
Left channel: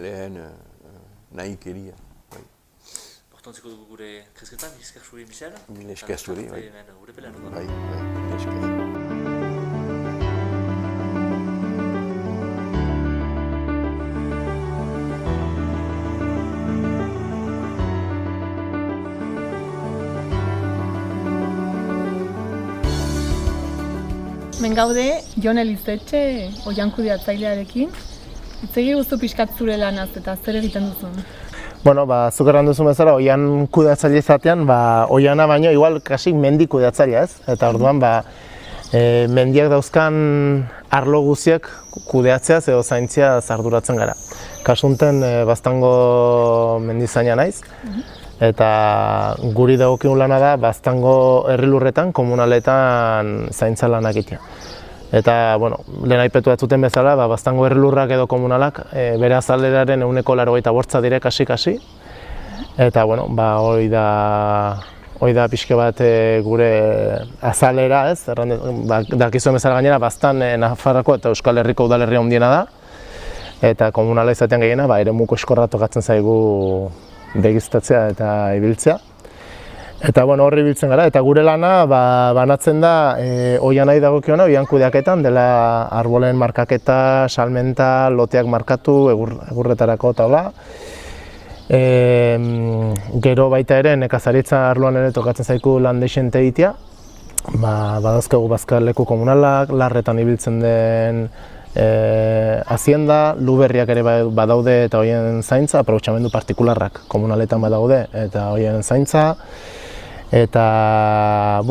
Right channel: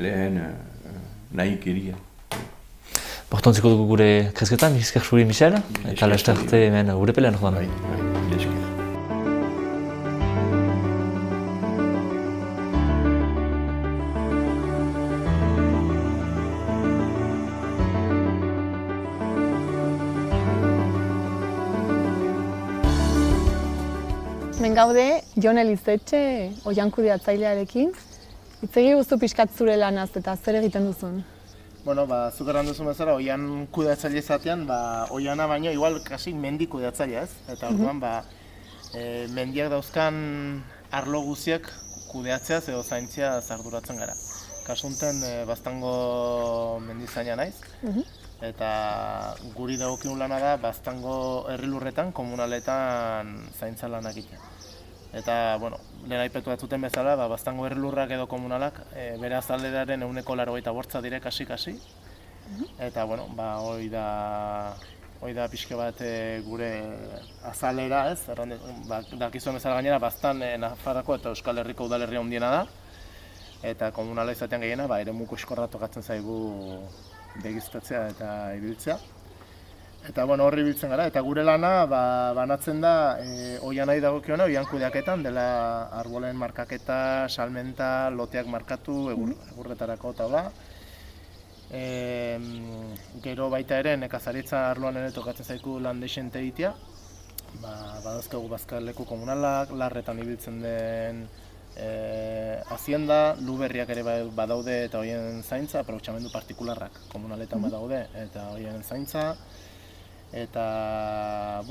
lehen nahik eria. Bortontziko dugu gure kresketan, bizkar zuri Michel, eta lastarte hemen Urepelen joan. Gaude, Jon Elizetxe, oian kudeatzailearekin. Itzegi guztu pixkat zure lanaz eta zer egiten duzun? Bueno, zuk erran duzun bezala, oian kudeatzaile izatean, oiana baino, igual, kasi mendi kudeatzailea ez. Eta orduan, mendiak dauzkan arlo guziek kudeatzeaz edo zaintziaz arduratzen gara. Kasunten, Baztango mendizaina naiz. Eta guri dagokigun lana da, Baztango herrilurretan, komunaletan zaintza lanak egitea. Eta, lehen aipetu batzuten bezala, Baztango herrilurrak edo komunalak bere azaleraren 85% dire kasi-kasi. Eta, hori da pixke bat gure azalera, ez? Dakizuen bezala gainera, Baztan Nafarroako eta Euskal Herriko udalerria handiena da. Eta komunala izatean gehiena, eremuko eskorra tokatzen zaigu begiztatzea eta ibiltzea. Eta horri ibiltzen gara, eta gure lana banatzen da oianari dagokiona, oian kudeaketan, dela arbolen markaketa, salmenta, loteak markatu, egurretarako eta hola. Gero baita ere, nekazaritza arloan ere tokatzen zaiku lan deixente egitea. Badauzkagu bazkaleku komunalak, larretan ibiltzen den hazienda, luberriak ere badaude eta horien zaintza, aprobetxamendu partikularrak komunaletan badaude eta horien zaintza. Eta,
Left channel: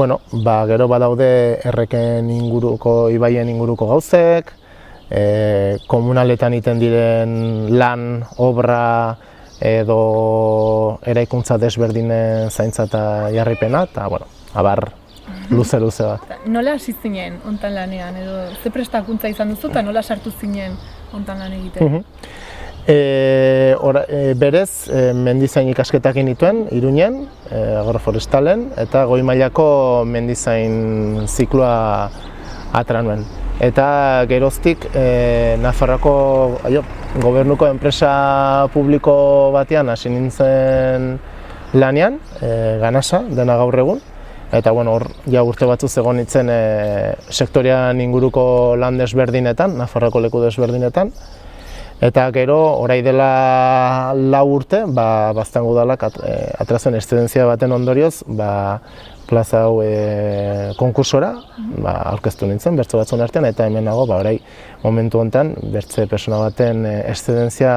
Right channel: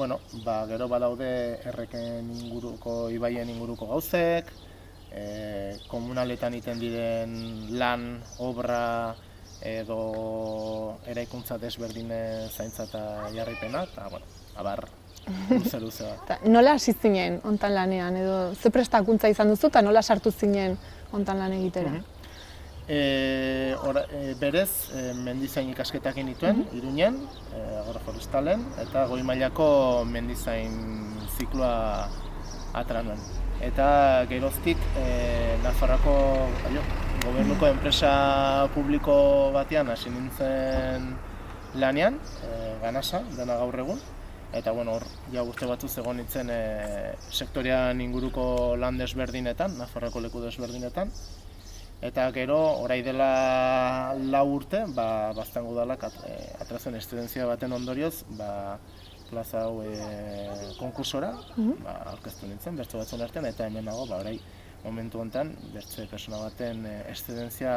gero badaude erreken inguruko, ibaien inguruko gauzek, komunaletan iten diren lan, obra edo eraikuntza desberdinen zaintza eta jarripena, eta, abar, luze bat. Nola hasi zinen hontan lanean, edo ze prestakuntza izan duzu eta nola sartu zinen hontan lan egiten? Berez, mendizain ikasketak nituen, Iruñen, agroforestalen, eta goi mailako mendizain zikloa atera nuen. Eta geroztik, Nafarroako gobernuko enpresa publiko batean hasi nintzen lanean, Ganasa, dena gaur egun. Eta hor, urte batzuz egon nintzen sektorean inguruko lan desberdinetan, Nafarroako leku desberdinetan. Eta gero, orai dela 4 urte, Baztango udalak atera zuen eszedentzia baten ondorioz, plaza hau konkursora, aurkeztu nintzen, bertso batzuen artean, eta hemen nago, orai momentu honetan, bertze persona baten eszedentzia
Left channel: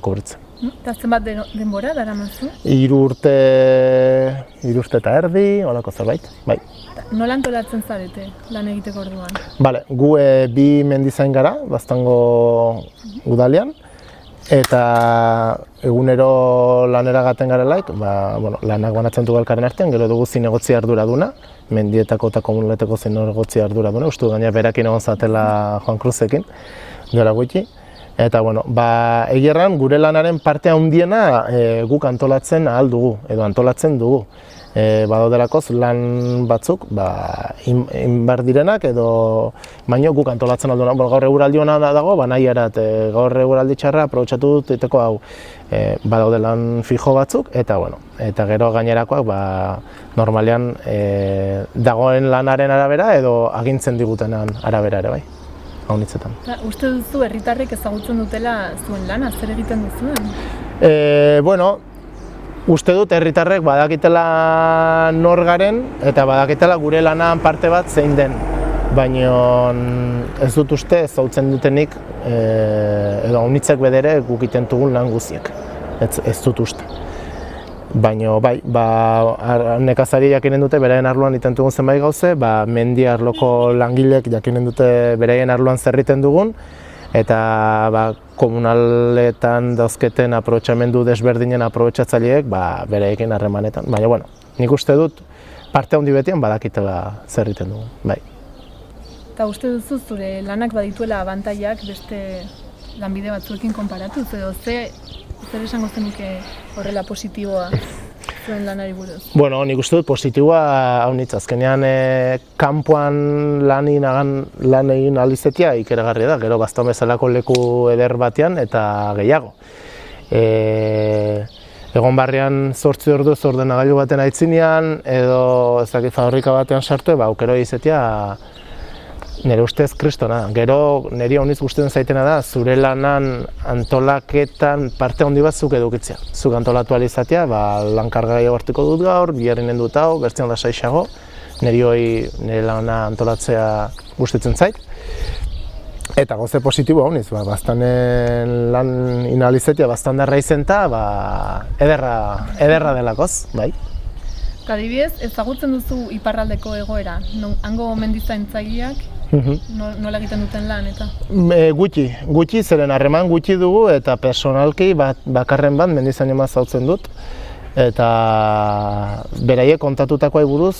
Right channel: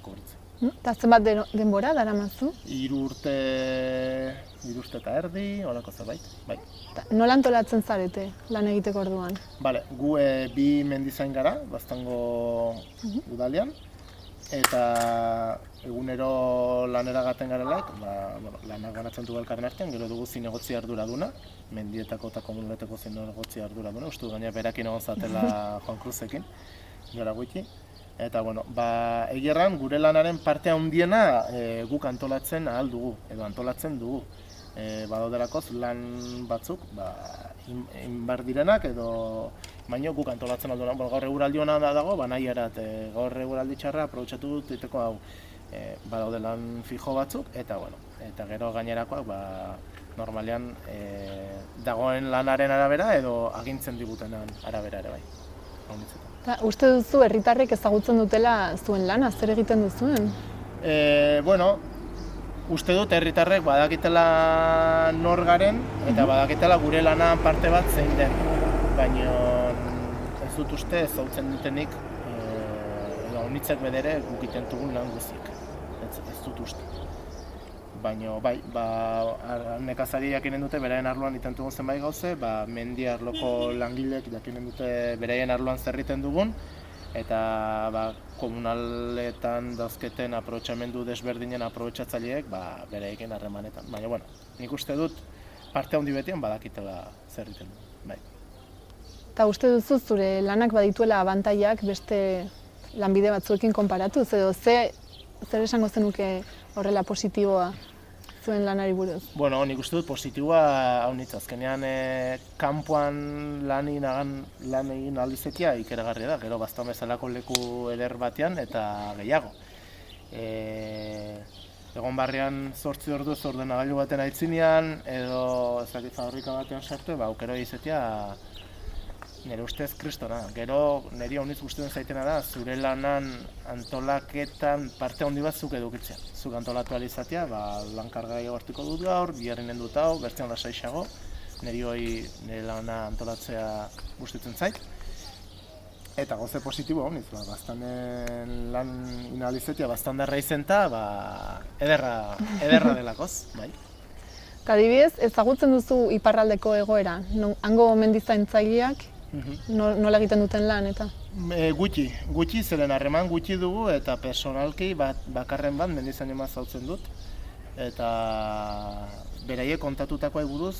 kubritzen. Eta zenbat denbora daramazu? 3 urte eta erdi, holako zerbait, bai. Nola antolatzen zarete lan egiteko orduan? Bale, gu 2 mendizain gara, Baztango udalean, eta egunero lanera gaten garelaik, lanak banatzen dugu elkarren artean, gero dugu zinegotzi arduraduna, mendietako eta komunuletako zinegotzi arduraduna, uste du gaina berakin egon zatela Juan Cruzekin, duela gutxi. Eta, egierran gure lanaren parte handiena guk antolatzen ahal dugu, edo antolatzen dugu. Badaudelako lan batzuk, inbar direnak edo baino guk antolatzen alduena. Gaur eguraldi hona dago, nahi erat, gaur eguraldi txarra aprobetxatu dut egiteko hau badaude lan fijo batzuk, eta gero gainerakoak normalean dagoen lanaren arabera edo agintzen digutenan arabera ere bai. Uste duzu herritarrek ezagutzen dutela zuen lana, zer egiten duzuen? Uste dut herritarrek badakitela nor garen eta badakitela gure lanan parte bat zein den. Baina ez dut uste ezagutzen dutenik edo haunitzek bedere guk egiten dugun lan guziek. Ez dut uste. Baina bai, nekazari jakinen dute beraien arloan egiten dugun zenbait gauze, mendi arloko langilek jakinen dute beraien arloan zer egiten dugun, eta komunaletan dauzketen aprobetxamendu desberdinen aprobetxatzaileek beraiekin harremanetan. Baina, nik uste dut parte handi betian badakitela zer egiten dugun, bai. Eta uste duzu zure lanak badituela abantaiak beste lanbide batzuekin konparatuz, edo zer esango zenuke horrela positiboa zuen lanari buruz? Nik uste dut positiboa haunitz, azkenean kanpoan lan egin alizetia ikeragarria da, gero Baztan bezalako leku eder batean eta gehiago. Egon barrian 8 orduz ordenagailu baten aitzinean, edo fabrika batean sartu, aukero izatea nire ustez kristona. Gero niri hauniz gustatzen zaitena da zure lanan antolaketan parte handi bat zuk edukitzea. Zuk antolatu ahal izatea, lankarga gehiago hartuko dut gaur, biharren dut hau, bertzean lasaiago. Nire lana antolatzea gustatzen zait. Eta gauze positibo hauniz, Baztanen lan inalizetia Baztandarra izen eta ederra delakoz, bai. Adibidez, ezagutzen duzu iparraldeko egoera, hango mendizaintzaileak nola egiten duten lan eta? Gutxi, zeren harreman gutxi dugu eta personalki bakarren bat mendizaino mazautzen dut. Eta beraiek kontatutakoa buruz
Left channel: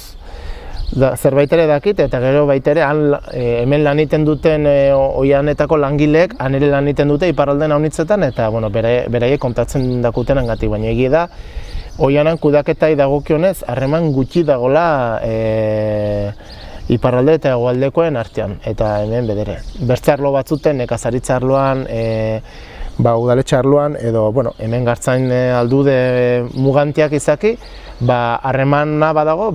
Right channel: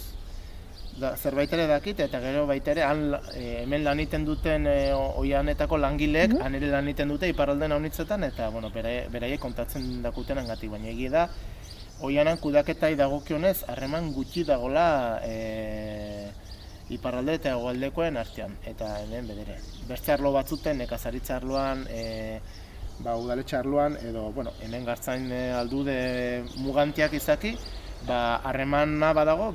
zerbait ere dakit eta gero baitere hemen lan egiten duten oianetako langileek han ere lan egiten dute iparralden haunitzetan eta beraiek kontatzen dakuten gatik, baina egia da oianan kudeaketai dagokionez harreman gutxi dagola iparralde eta hegoaldekoen artean, eta hemen bedere. Bertze arlo batzuten, nekazaritza arloan, udaletxe arloan, edo hemen gartzain aldude mugantiak izaki, harremana badago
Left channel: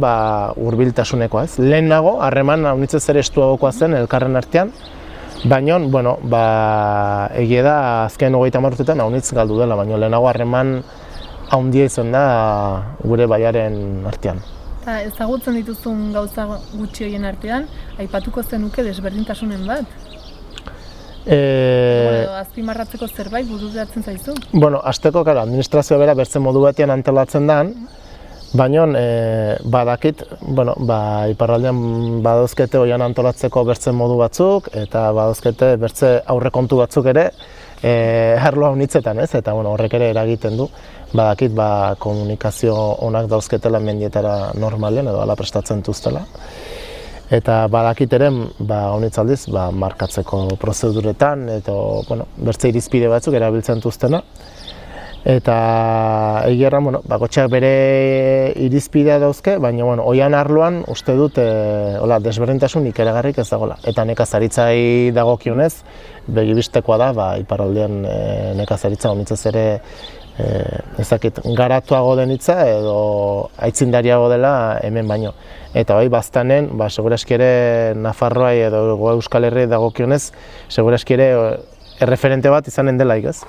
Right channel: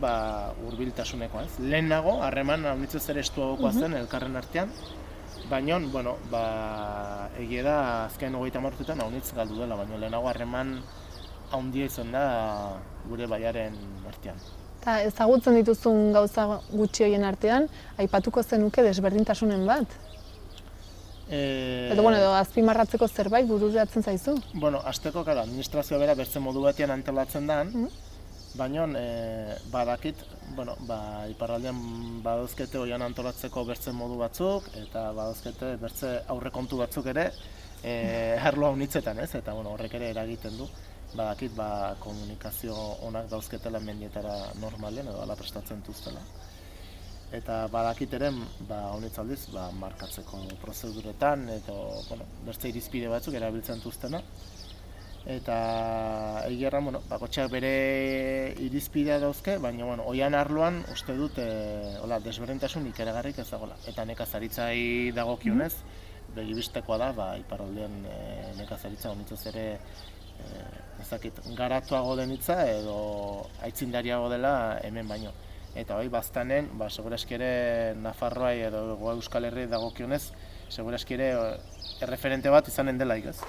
hurbiltasunekoa ez. Lehen nago, harreman haunitzez ere estuagokoa zen elkarren artean, baina, egia da azken 30 urtetan haunitz galdu dela, baina lehenago harreman haundia izan da gure baiaren artean. Ezagutzen dituzun gauza gutxi horien artean, aipatuko zenuke desberdintasunen bat? Edo azpimarratzeko zerbait bururatzen zaizu? Hasteko, administrazioa bera bertze modu batean antolatzen da, baina badakit, iparraldean badauzkete oian antolatzeko bertze modu batzuk, eta badauzkete bertze aurrekontu batzuk ere arlo haunitzetan, eta horrek ere eragiten du. Badakit komunikazio onak dauzketela mendietara normalean edo ala prestatzen duztela. Eta badakit ere, haunitz aldiz, markatzeko prozeduretan, eta bertze irizpide batzuk erabiltzen duztena. Eta egia bakotxeak bere irizpidea dauzke, baina oian arloan uste dut desberdintasun ikeragarrik ez dagoela. Eta nekazaritzai dagokionez, begibistekoa da, iparraldean nekazaritza haunitzez ere garatuago den hitza edo aitzindariago dela hemen baino. Eta Baztanen, segurazki ere Nafarroai edo Euskal Herri dagokionez, segurazki ere erreferente bat izanen delaik ez.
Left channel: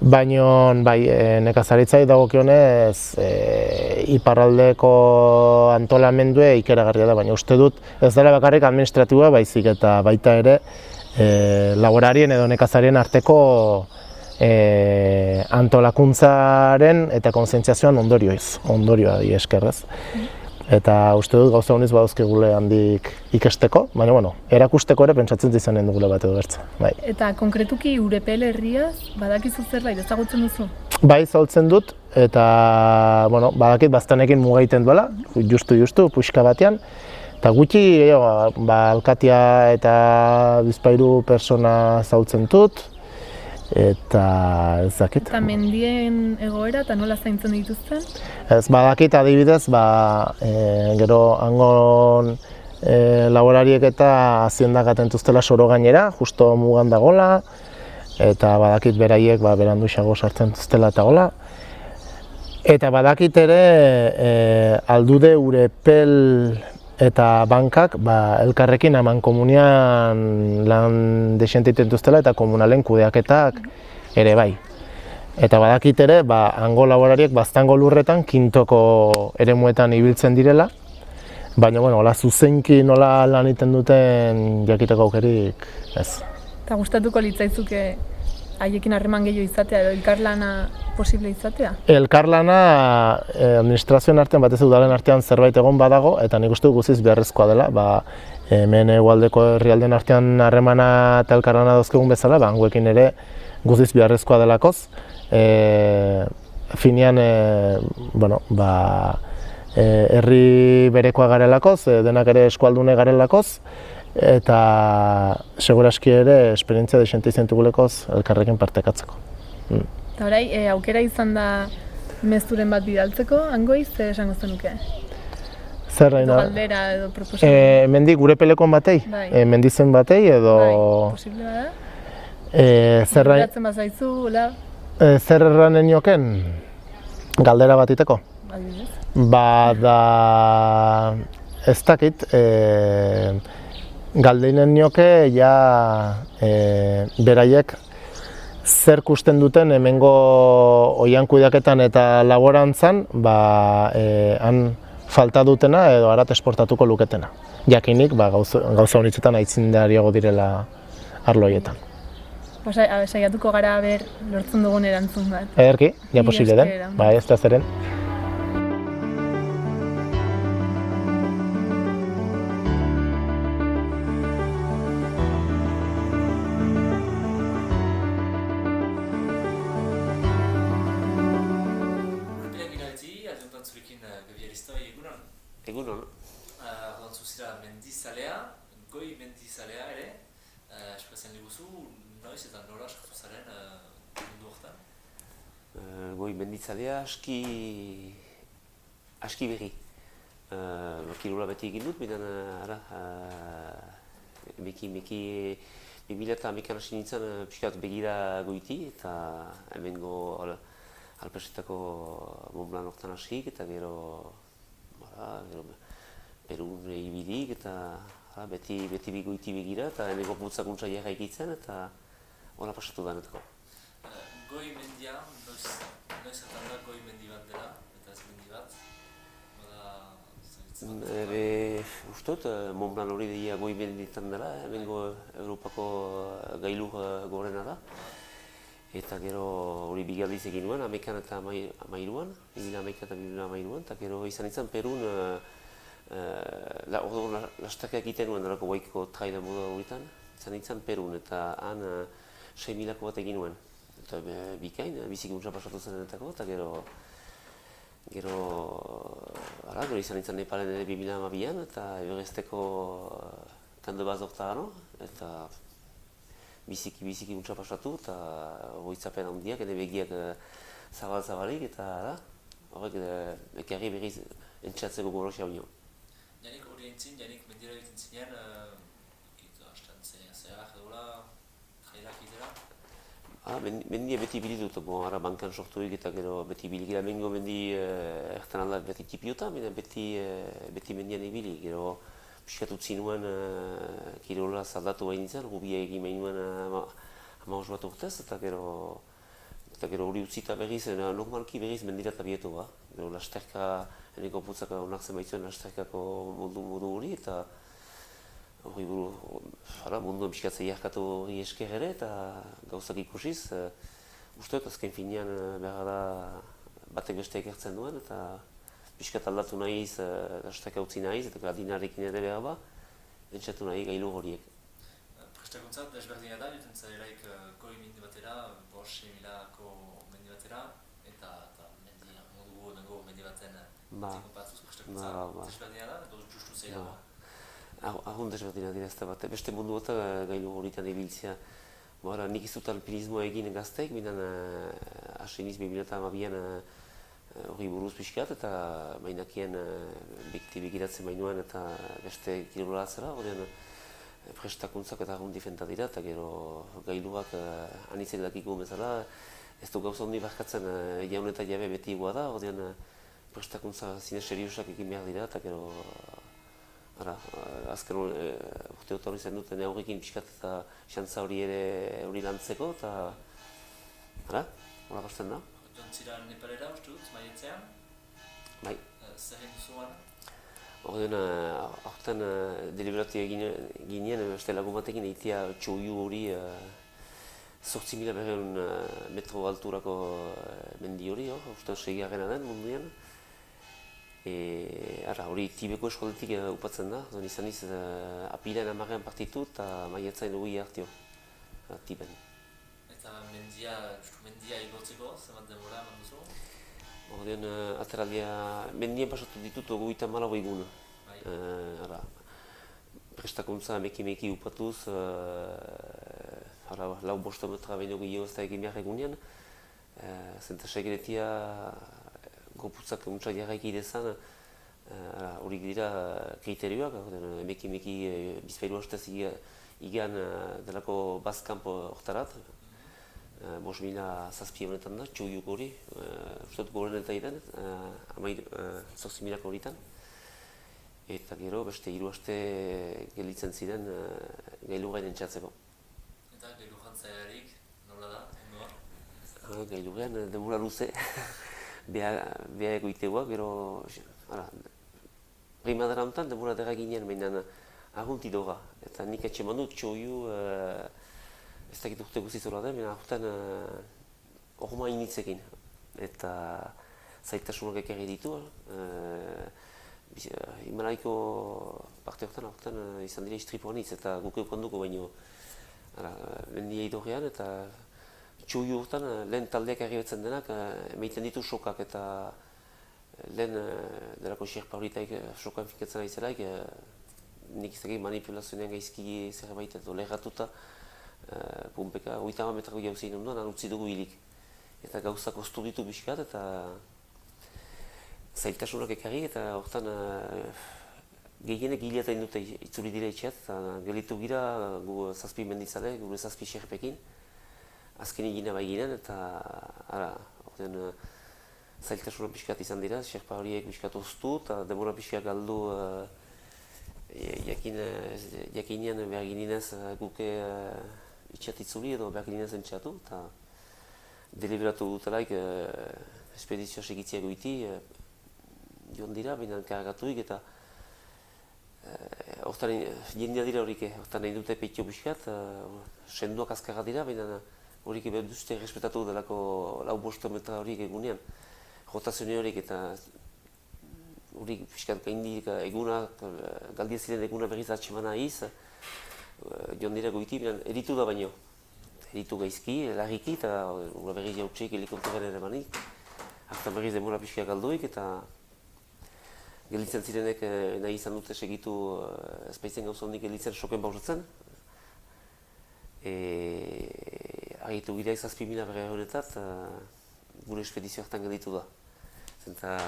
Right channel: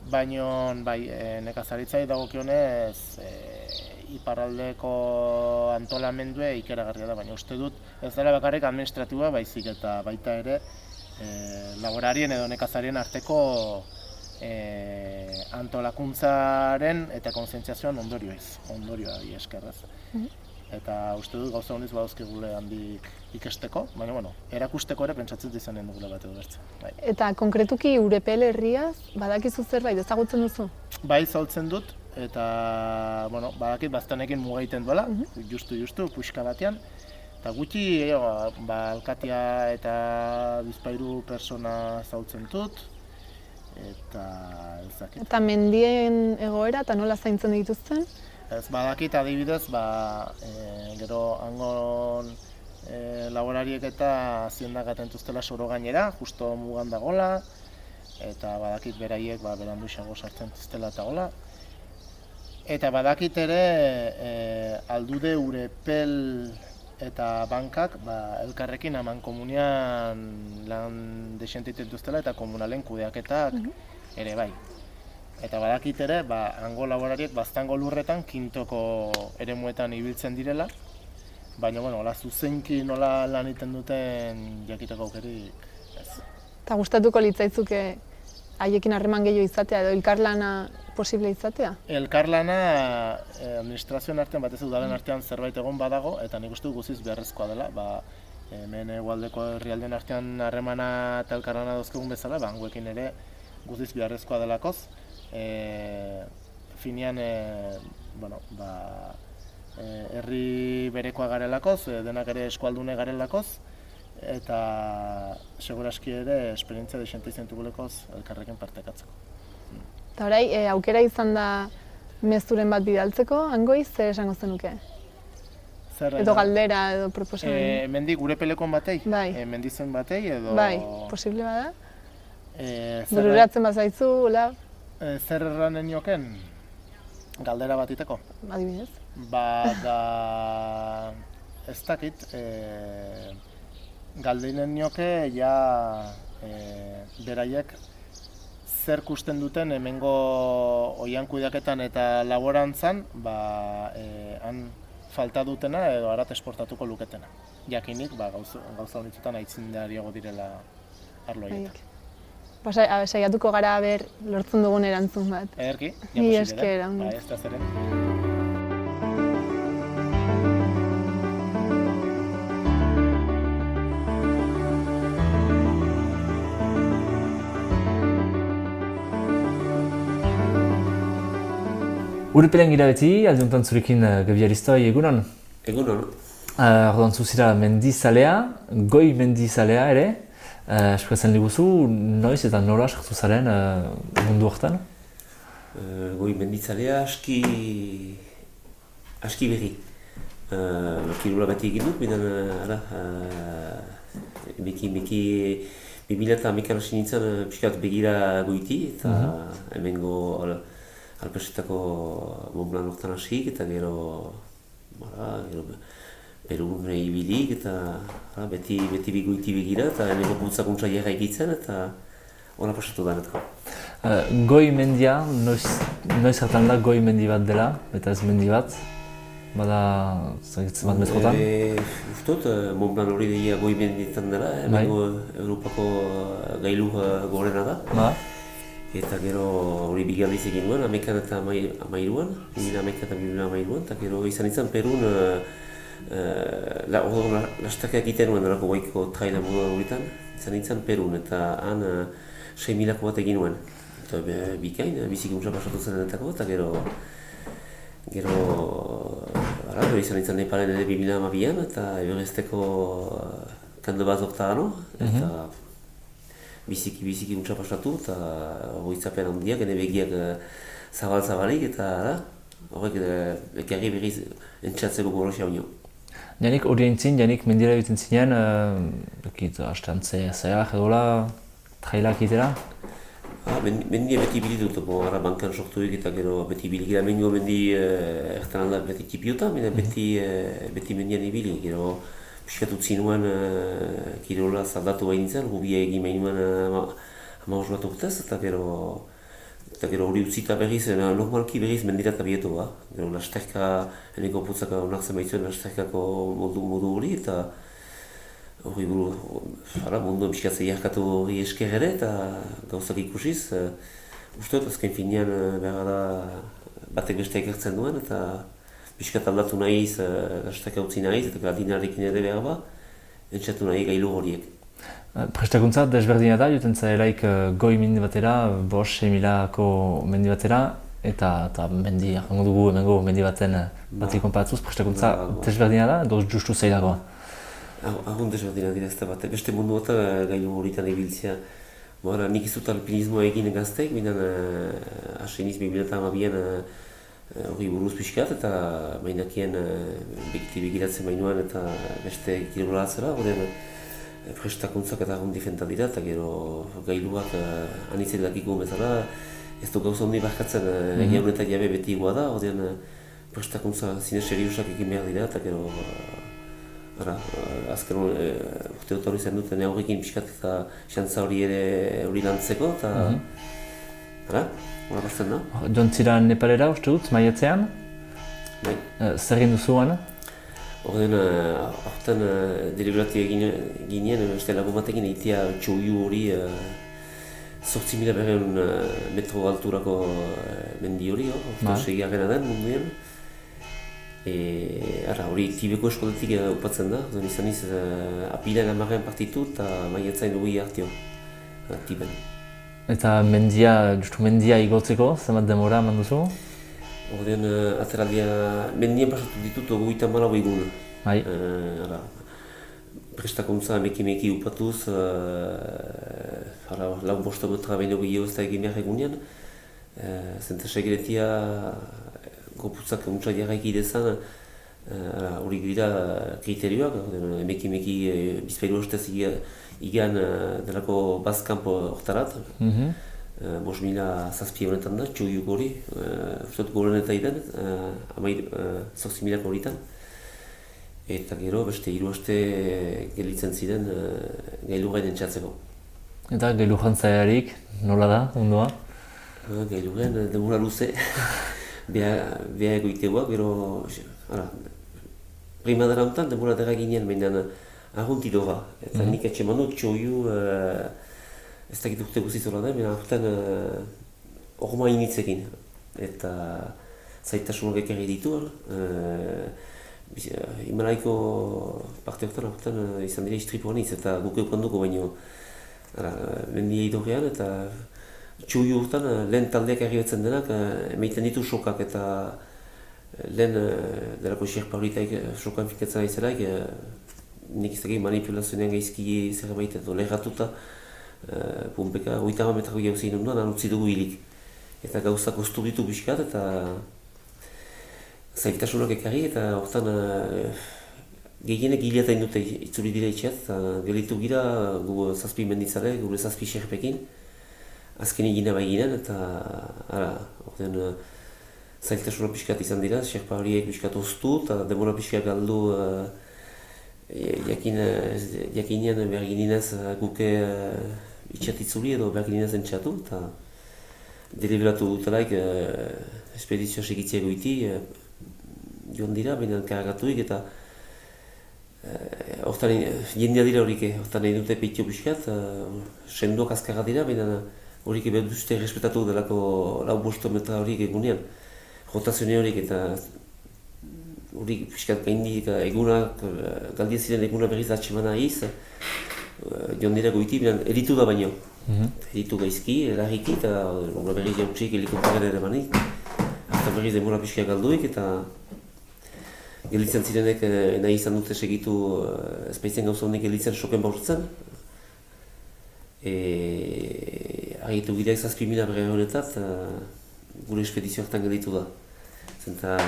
Baina, bai, nekazaritzai dagokionez, iparraldeko antolamendue ikeragarria da, baina uste dut ez dela bakarrik administratiboa baizik eta baita ere laborarien edo nekazarien arteko antolakuntzaren eta kontzientziazioan ondorioa di eskerrez. Eta uste dut gauza honiz badauzkigule handik ikesteko, baina erakusteko ere pentsatzen izanen dugule bat edo bertzen. Bai. Eta konkretuki Urepel herriaz badakizu zerbait ezagutzen duzu? Bai, zaultzen dut, eta badakit baztanekin mugaiten duela, justu, puxka batean. Eta gutxi, alkatia eta bizpahiru persona zaultzen dut, eta ez dakit. Eta mendien egoera eta nola zaintzen dituzten? Ez badakit adibidez, gero hangon laborariek eta haziendak atentuztela soro gainera, justo mugan dagola, eta badakit beraiek berandu xago sartzen duztela eta gola. Eta badakit ere aldude Urepel eta bankak elkarrekin haman komunian lan desente dituztela eta komunalen kudeaketak ere bai. Eta badakit ere, hango laborariek baztango lurretan kintoko eremuetan ibiltzen direla, baina, hola zuzenki nola lan egiten duten jakiteko aukerik ez. Eta gustatuko litzaizuke haiekin harreman gehiago izatea edo elkarlana posible izatea? Elkarlana administrazioen artean, batez udalen artean zerbait egon badago, eta nik uste guztiz beharrezkoa dela, hemen hegoaldeko herrialden artean harremana eta elkarlana dauzkegun bezala, hangoekin ere guztiz beharrezkoa delakoz. Finean, herri berekoa garelakoz, denak ere eskualdune garelakoz, eta seguraski ere esperientzia desente izan dugulekoz elkarrekin partekatzeko. Eta orai, aukera izan da mezuren bat bidaltzeko, hangoiz, zer esango zenuke? Edo galdera, edo proposamen? Mendik Urepelekoan batei? Bai. Mendizen batei, edo... Bai, posible bada? Bururatzen bazaizu, la? Zer erranen nioken? Galdera bat iteko? Adibidez. Ez dakit, galdeinen nioke beraiek zer kusten duten hemengo oian kudeaketan eta laborantzan han falta dutena edo harat esportatuko luketena. Jakinik gauza honitzetan aitzindariago direla arlo horietan. Saiatuko gara lortzen dugun erantzun bat. Ederki, ja posible den. Ez da zeren. Urepelen gira beti, alde zurekin Gabi Aristoi, egunon? Egunon. Orduan zuzira mendizalea, goi mendizalea ere. Eskuatzen diguzu, noiz eta nola sartu zaren mundu horretan? Goi mendizalea aski berri. Kirula beti egin dut, baina beki 2011 hasi nintzen pixkat begira goiti, eta hemengo alpesetako Montblanc horretan hasik, eta gero Perun ibilik eta beti goiti begira eta hemengo bultzakuntza jarra egitzen eta hona pasatu danetako. Goi mendia, noiz hartan da goi mendi bat dela eta ez mendi bat? Bada zagitzen bat metrotan? Ustot, Montblanc hori deia goi mendietan dela, hemengo Europako gailu gorena da. Eta gero hori bigaldiz egin nuen, 11 eta 13an, 2011 eta 2013an, eta gero izan nintzen Perun lastakak egiten nuen horako goiko traila moduan horretan, izan nintzen Perun eta han 6.000 bat egin nuen. Eta bikain, bizikuntza pasatu zenetako, eta gero izan nintzen Nepalen ere 2012an, eta Everesteko kando bat zortagano, eta biziki untsa pasatu eta horitzapen handiak, ene begiak zabalik eta horrek ekarri berriz entxatzeko gorosia unio. Janik hori aintzin, janik mendira egiten zinean, astantze zaiak edola, trailak egitera? Mendia beti bilitut, bankan sortuik eta gero beti bilik. Mengo mendi ertan aldak beti tipiota, beti mendian ibili. Gero piskat utzi nuen kirola zaldatu behin nintzen, hubia egin behin nuen 15 bat urtez, eta gero Eta gero hori utzita berriz, normalki berriz mendirat abietu ba. Gero lasterka, eneko putzak onartzen baitzuen lasterkako modu hori, eta hori munduan pixkatze jarkatu hori esker ere, eta gauzak ikusiz. Uste dut, azken finean behar da batek beste ekartzen duen, eta pixkat aldatu nahiz, lasterka utzi nahiz, eta gradinarekin ere behar ba, entzatu nahi gailu horiek. Prestakuntza desberdina da, joten zaelaik goi mendi batera, 5.000ko mendi batera, eta mendi, jango dugu hemengo mendi baten batik konparatzuz, prestakuntza desberdina da, edo justu zailagoa? Ahun desberdina dira ez da bat, beste mundu bat gailu horitan ibiltzea. Nik izut alpinismoa egin gazteik, binan hasi niz 2012an hori buruz pixkat, eta mainakien begiratzen bainuan eta beste kirola atzera, prestakuntzak eta egun difenta dira, eta gero gailuak anitzek dakiko bezala, ez du gauza hondi barkatzen jaun eta jabe beti igua da, ordean prestakuntza zine seriosak egin behar dira, eta gero azken urte dut hori zen duten aurrekin pixkat eta xantza hori ere hori lantzeko, eta hori bazten da. Joan zira Nepalera uste dut, maiatzean? Bai. Zer egin duzuan? Ordean, aurten deliberatu ginen, beste lagun batekin egitea txoiu hori 8.500 metro alturako mendi hori, orta segiagena den munduan. Hori Tibeko eskoletik upatzen da, izan iz apilean 10 partitu eta maiatzain dugu hartio, Tiben. Eta mendia igotzeko, zenbat demora eman duzu? Ordean, ateraldia, mendian pasatu ditut 34 egun. Bai. Prestakuntza meki upatuz, lau bostometra baino gehiago ez da egin behar egunean. Zenta segeretia, gorputzak untsa jarraik idezan, hori dira kriterioak, meki bizpailu ostez igan delako bazkampo hortarat. 5.000 honetan da, txoiuk hori, ustot goren eta idan, 8.000 horitan. Eta gero beste 3 aste gelitzen ziren gailu gainen txatzeko. Eta gailu jantzaiarik, nola da, ondoa? Gailu gain, demura luze, beha egoiteguak, gero primadera honetan demura dera ginen, baina argunti doa. Eta nik etxe manu txoiu, ez dakit urte guziz horra da, baina aurten orma initzekin. Eta zaitasunak ekarri ditu. Himalaiko parte horretan izan dira istripuan hitz eta guk eukanduko baino mendia idorrean eta txuiu horretan lehen taldeak arribetzen denak emaiten ditu sokak eta lehen delako xerpa horitaik sokan fikatzen aizelaik nik izagei manipulazionean gaizki zerbait edo leheratuta pumpeka 80 metrako jauzein ondoan utzi dugu hilik. Eta gauza kostu ditu pixkat eta zailtasunak ekarri eta horretan gehienek hileatain dute itzuli dira itxeat. Gelitu gira gu 7 menditzale, gure 7 xerpekin. Azken egina baiginen eta horretan zailtasunak pixkat izan dira, xerpa horiek pixkat oztu eta demora pixkat galdu jakinean behar gininez guke itxeat itzuli edo behar gininez entxatu eta deliberatu dutelaik espedizioa segitzea goiti joan dira, baina karagatuik eta horretan jendea dira horik, horretan nahi dute peitio pixkat, sendoak azkarra dira, baina horik behar duzte respetatu delako 5 metra horik egunean. Rotazioa horik eta horik pixkat gaindik egunak, galdia ziren eguna berriz atxemana iz, joan dira goiti, baina eritu da baino. Eritu gaizki, larriki eta berriz jautxik helikopteren ere banik. Eta berriz demora pixka galduik eta gelitzen zirenek nahi izan dute segitu ezpaitzen gauza honek gelitzen soken baurtzen. Argitu gideak 7.000 berre honetat gure espedizio hartan gelitu da. Zenta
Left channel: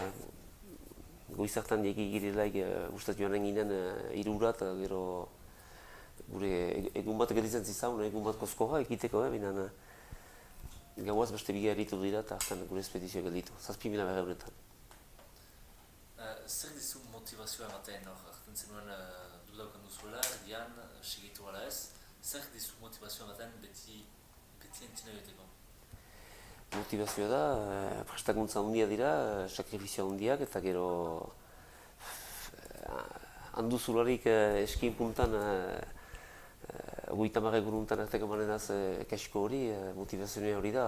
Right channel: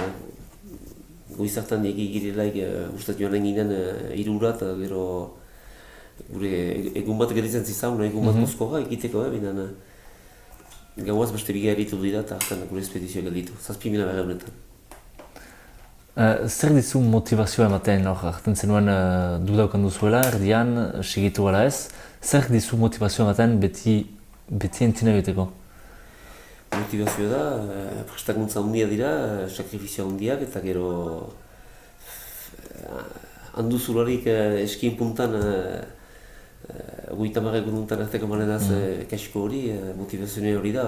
goiz hartan egi girelaik ustat joan eginen 3 ura eta gero gure egun bat gelitzen zizan, egun bat kozkoa egiteko, baina gauaz beste biga eritu dira eta hartan gure espedizio gelitu, 7.000 berre honetan. Zer dizu motivazioa ematen hor, hartzen zenuen dudaukan duzuela, erdian, segitu gara ez, zer dizu motivazioa ematen beti entzina egiteko? motivazioa da, prestakuntza handia dira, sakrifizio handiak, eta gero handuzularik eskien puntan 30 egununtan arteko manenaz kasiko hori, motivazioa hori da.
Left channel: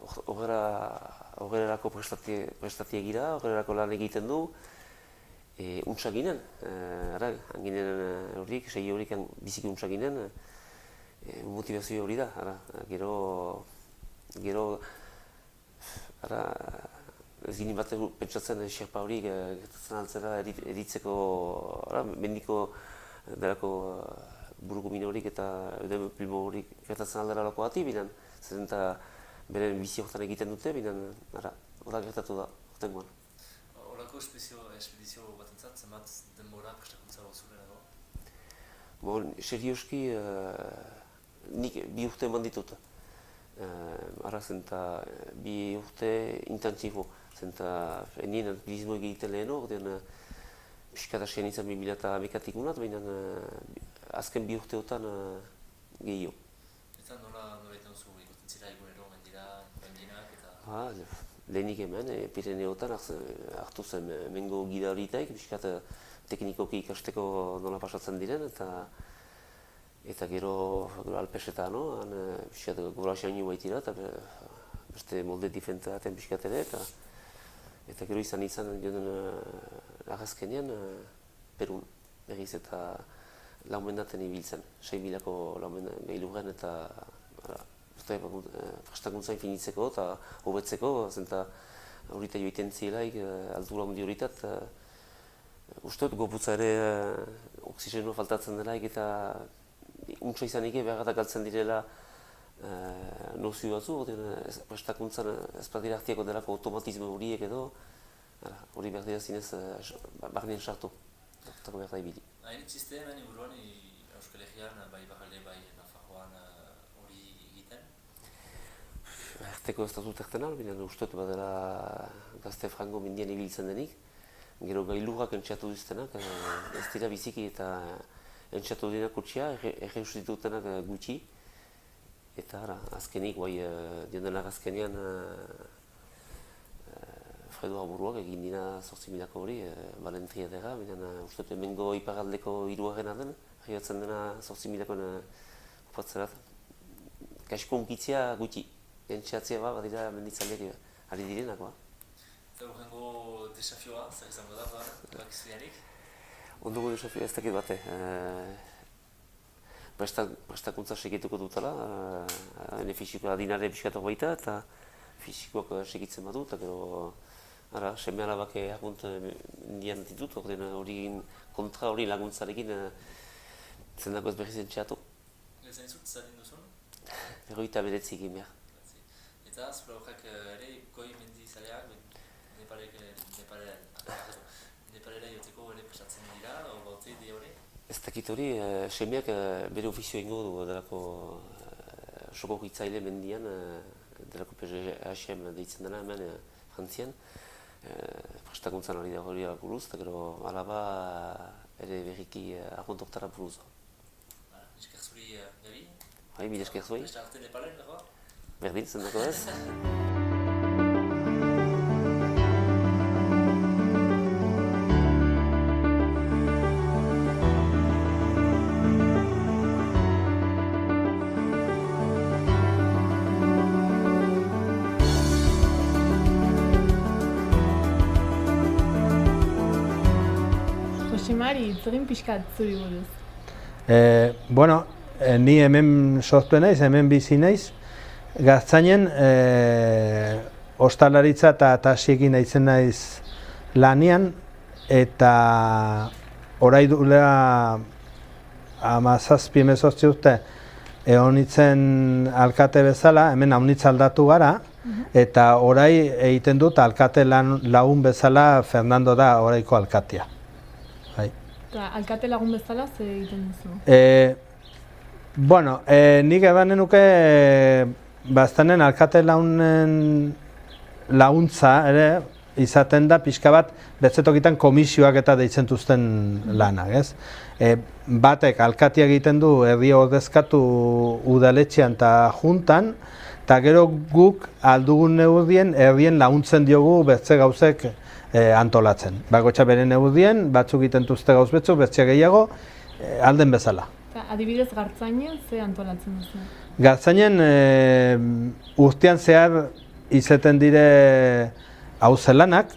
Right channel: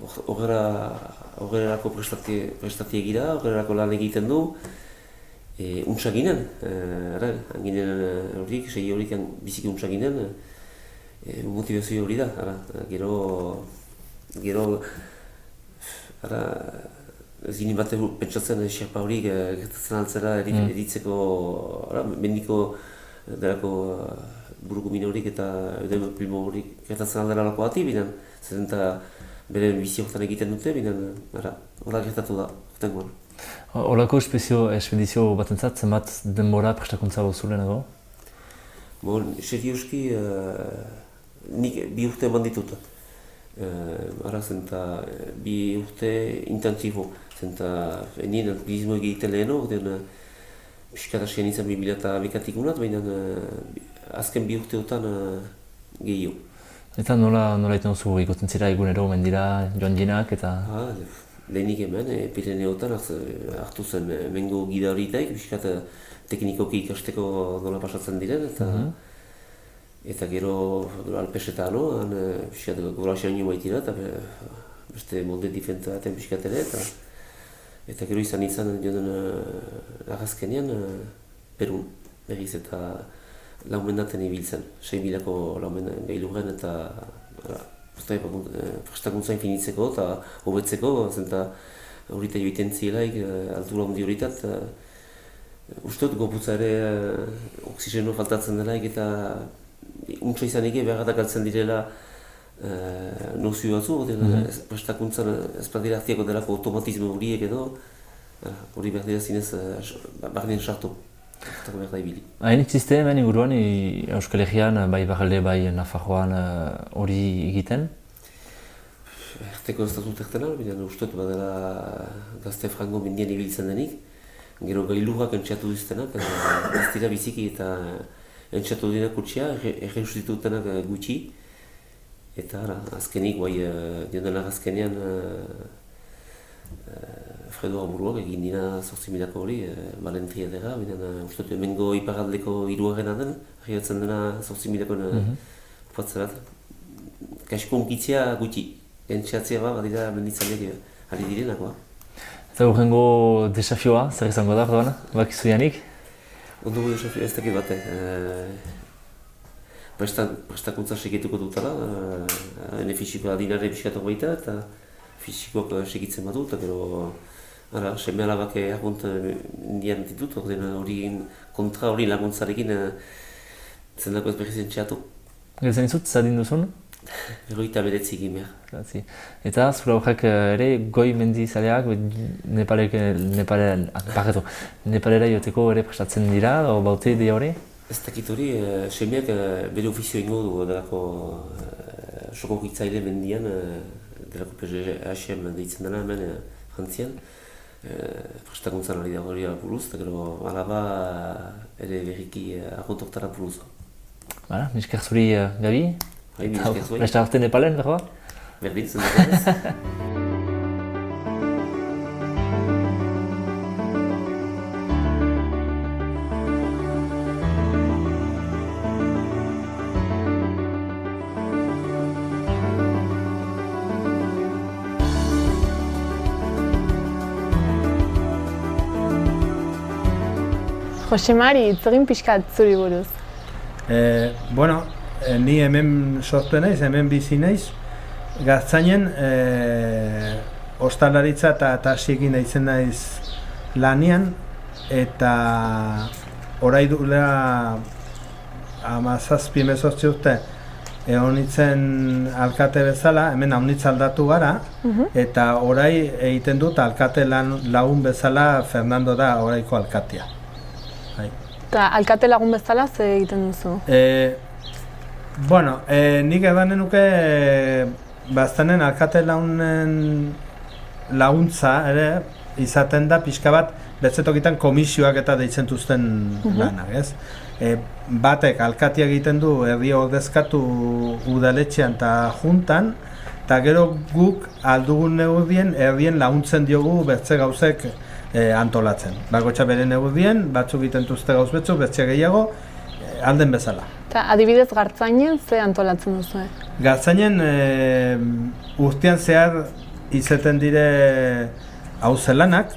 Horrelako prestatie gira, horrelako lan egiten du, untsa ginen, ginen horiek, sei horiek biziki untsa ginen, motivazio hori da. Gero, ez ginen bat pentsatzen xerpa hori gertatzen altzera eritzeko, mendiko delako buruko mine horik eta eudema primo horik gertatzen aldera lako ati, binen, zen eta bere bizi horretan egiten dute, binen, hori gertatu da, horretan. Horako espedizio batentzat, zenbat denbora prestakuntza bozulen edo? Serioski, nik 2 urte eman ditut. Zen eta 2 urte intensibo. Zen eta nien alpinismo egiten lehen hor, piskat asien izan 2011-tik unat, baina azken 2 urteotan gehiago. Eta nola iten duzu ikusten zira egunero mendira joan jinak eta... Lehenik hemen, Pireneotan hartu zen mengo gida horitaik, piskat teknikoki ikasteko nola pasatzen diren, eta gero alpesetan, piskat gobrazioan nio baitira, eta beste molde difenta aten piskat ere, eta gero izan joan arrazkenean Perun, berriz eta laumendaten ibiltzen, 6.000ko laumendan gailurren eta prestakuntza infinitzeko eta hobetzeko, zenta horita joiten zielaik, altura handi horitat, ustot gorputza ere oxigeno faltatzen delaik eta untsa izanik beharratak altzen direla nozio batzu, prestakuntzan ez badira hartiako delako automatismo horiek edo, hori behar dira zinez barnean sartu. Hain existe hemen inguruan Euskal Herrian, bai Barralde, bai Nafarroan hori egiten? Arteko ez dut erten baina ustot badela gazte frango mendian ibiltzen denik. Gero gailurrak entxatu duztenak, ez dira biziki eta entxatu denak kutsia, erreustitutenak gutxi. Eta azkenik, dion denak azkenean Fredo Aburuak egin dina 8.000ko hori, Valentria dira, ustot hemengo iparaldeko 3. den, arriatzen dena 8.000ko upatzerat. Kasko unkitzea gutxi, entxatzea badira menditzaileak ari direnak. Eta urrengo desafioa, zer izango da, orduan, bakizu janik? Ondogo desafioa ez dakit bate. Prestakuntza segituko dutela, hene fisikoa dinare piskatok baita eta fisikoak segitzen badu, eta gero seme alabak argunt indian ditut, hori kontra hori laguntzarekin zendako ez berriz entxeatu. Geltzen izut, zadin duzun? 29 egin behar. Eta zura horrek ere goi mendizaleak Nepalera joteko ere prestatzen dira, o baute idea hori? Ez dakit hori, semeak bere ofizio ingo du delako soko hitzaile mendian, delako PGHM deitzen dena hemen frantzian. Prestakuntzan ari da hori buruz, eta gero alaba ere berriki arguntoktara buruz. Misker zuri Gabi? Bai, misker zuri. Beste arte Nepalen, berroa? Berdin, zen ez. Josemari, itzegin pixkat zuri buruz. Ni hemen sortu naiz, hemen bizi naiz. Gaztainen ostalaritza eta tasiekin naizen naiz lanian, eta orai duela 17-18 urte egon nintzen alkate bezala, hemen haunitz aldatu gara, eta orai egiten dut alkate lagun bezala Fernando da oraiko alkatea. Eta alkate lagun bezala ze egiten duzu? Nik edan nuke baztanen alkate laguntza ere izaten da pixka bat betzetokitan komisioak eta deitzen duzten lanak, ez? Batek alkatia egiten du erdi ordezkatu udaletxean eta juntan, eta gero guk aldugun neurrien herrien laguntzen diogu bertze gauzek antolatzen. Bakotxa bere neurrien, batzuk egiten duzte gauz betzuk, bertze gehiago, alden bezala. Eta adibidez Gartzainen ze antolatzen duzu? Gartzainen urtean zehar izaten dire hauze lanak,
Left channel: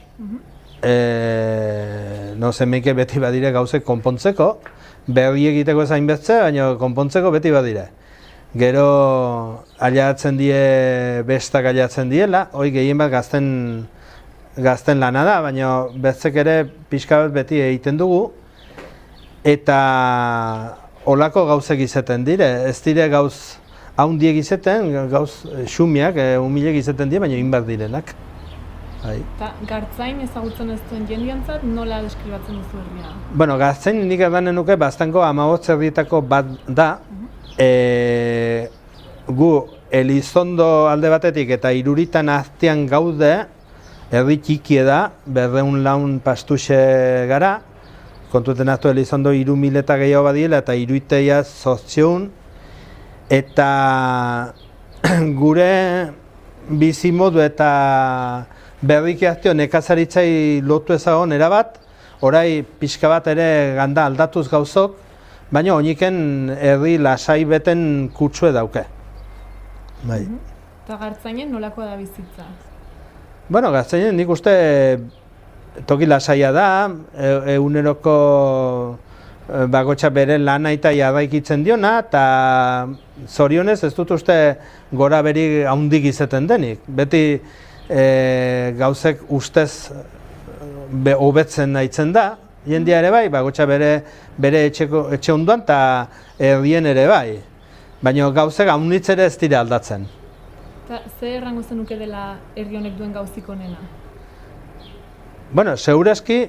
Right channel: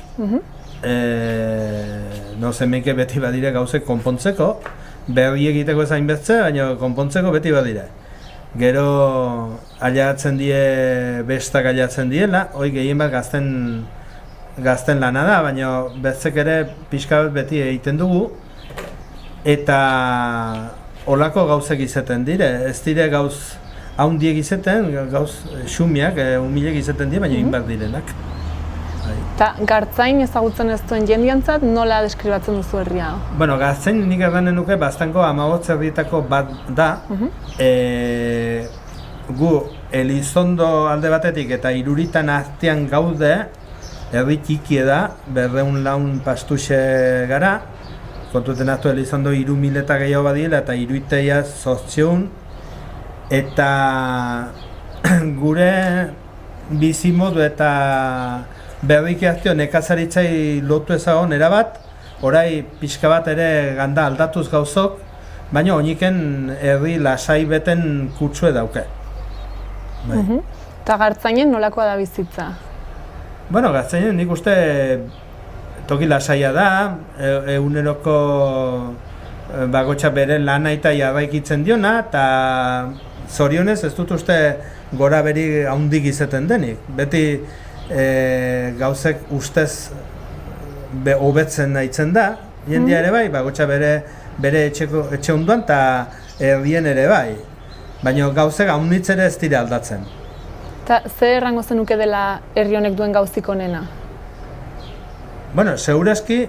zemeke beti badire gauzek konpontzeko, berri egiteko ezain bertze, baina konpontzeko beti badire. Gero aliatzen die, bestak aliatzen diela, hori gehien bat gazten lana da, baina bertzek ere pixka bat beti egiten dugu, eta olako gauzek izaten dire, ez dire gauz haundiek izaten, gauz xumiak, humilek izaten dire, baina inbar direnak. Eta Gartzain ezagutzen ez duen jendiantzat nola deskribatzen duzu herria? Bueno, Gartzain nik eganen nuke bastango 15 herrietako bat da. Gu Elizondo alde batetik eta Iruritan artean gaude, herri txikie da, 204 pastuxe gara. Kontuten hartu Elizondo 3.000 eta gehiago badiela eta Iruiteia 800. Eta gure bizimodu eta berriki hartio nekazaritzai lotu ezagon erabat, orai pixka bat ere ganda aldatuz gauzok, baina oiniken herri lasai beten kutsue dauke. Eta Gartzainen nolakoa da bizitza? Bueno, Gartzainen nik uste toki lasaia da, eguneroko bakotxa bere lana eta jarraikitzen diona, eta zorionez ez dut uste gora beri haundik izaten denik. Beti gauzek ustez hobetzen nahitzen da, jendia ere bai, bakotxa bere etxe ondoan eta herrien ere bai. Baina gauzek haunditz ere ez dira aldatzen. Eta zer errango zenuke dela herri honek duen gauzik onena? Bueno, segurazki,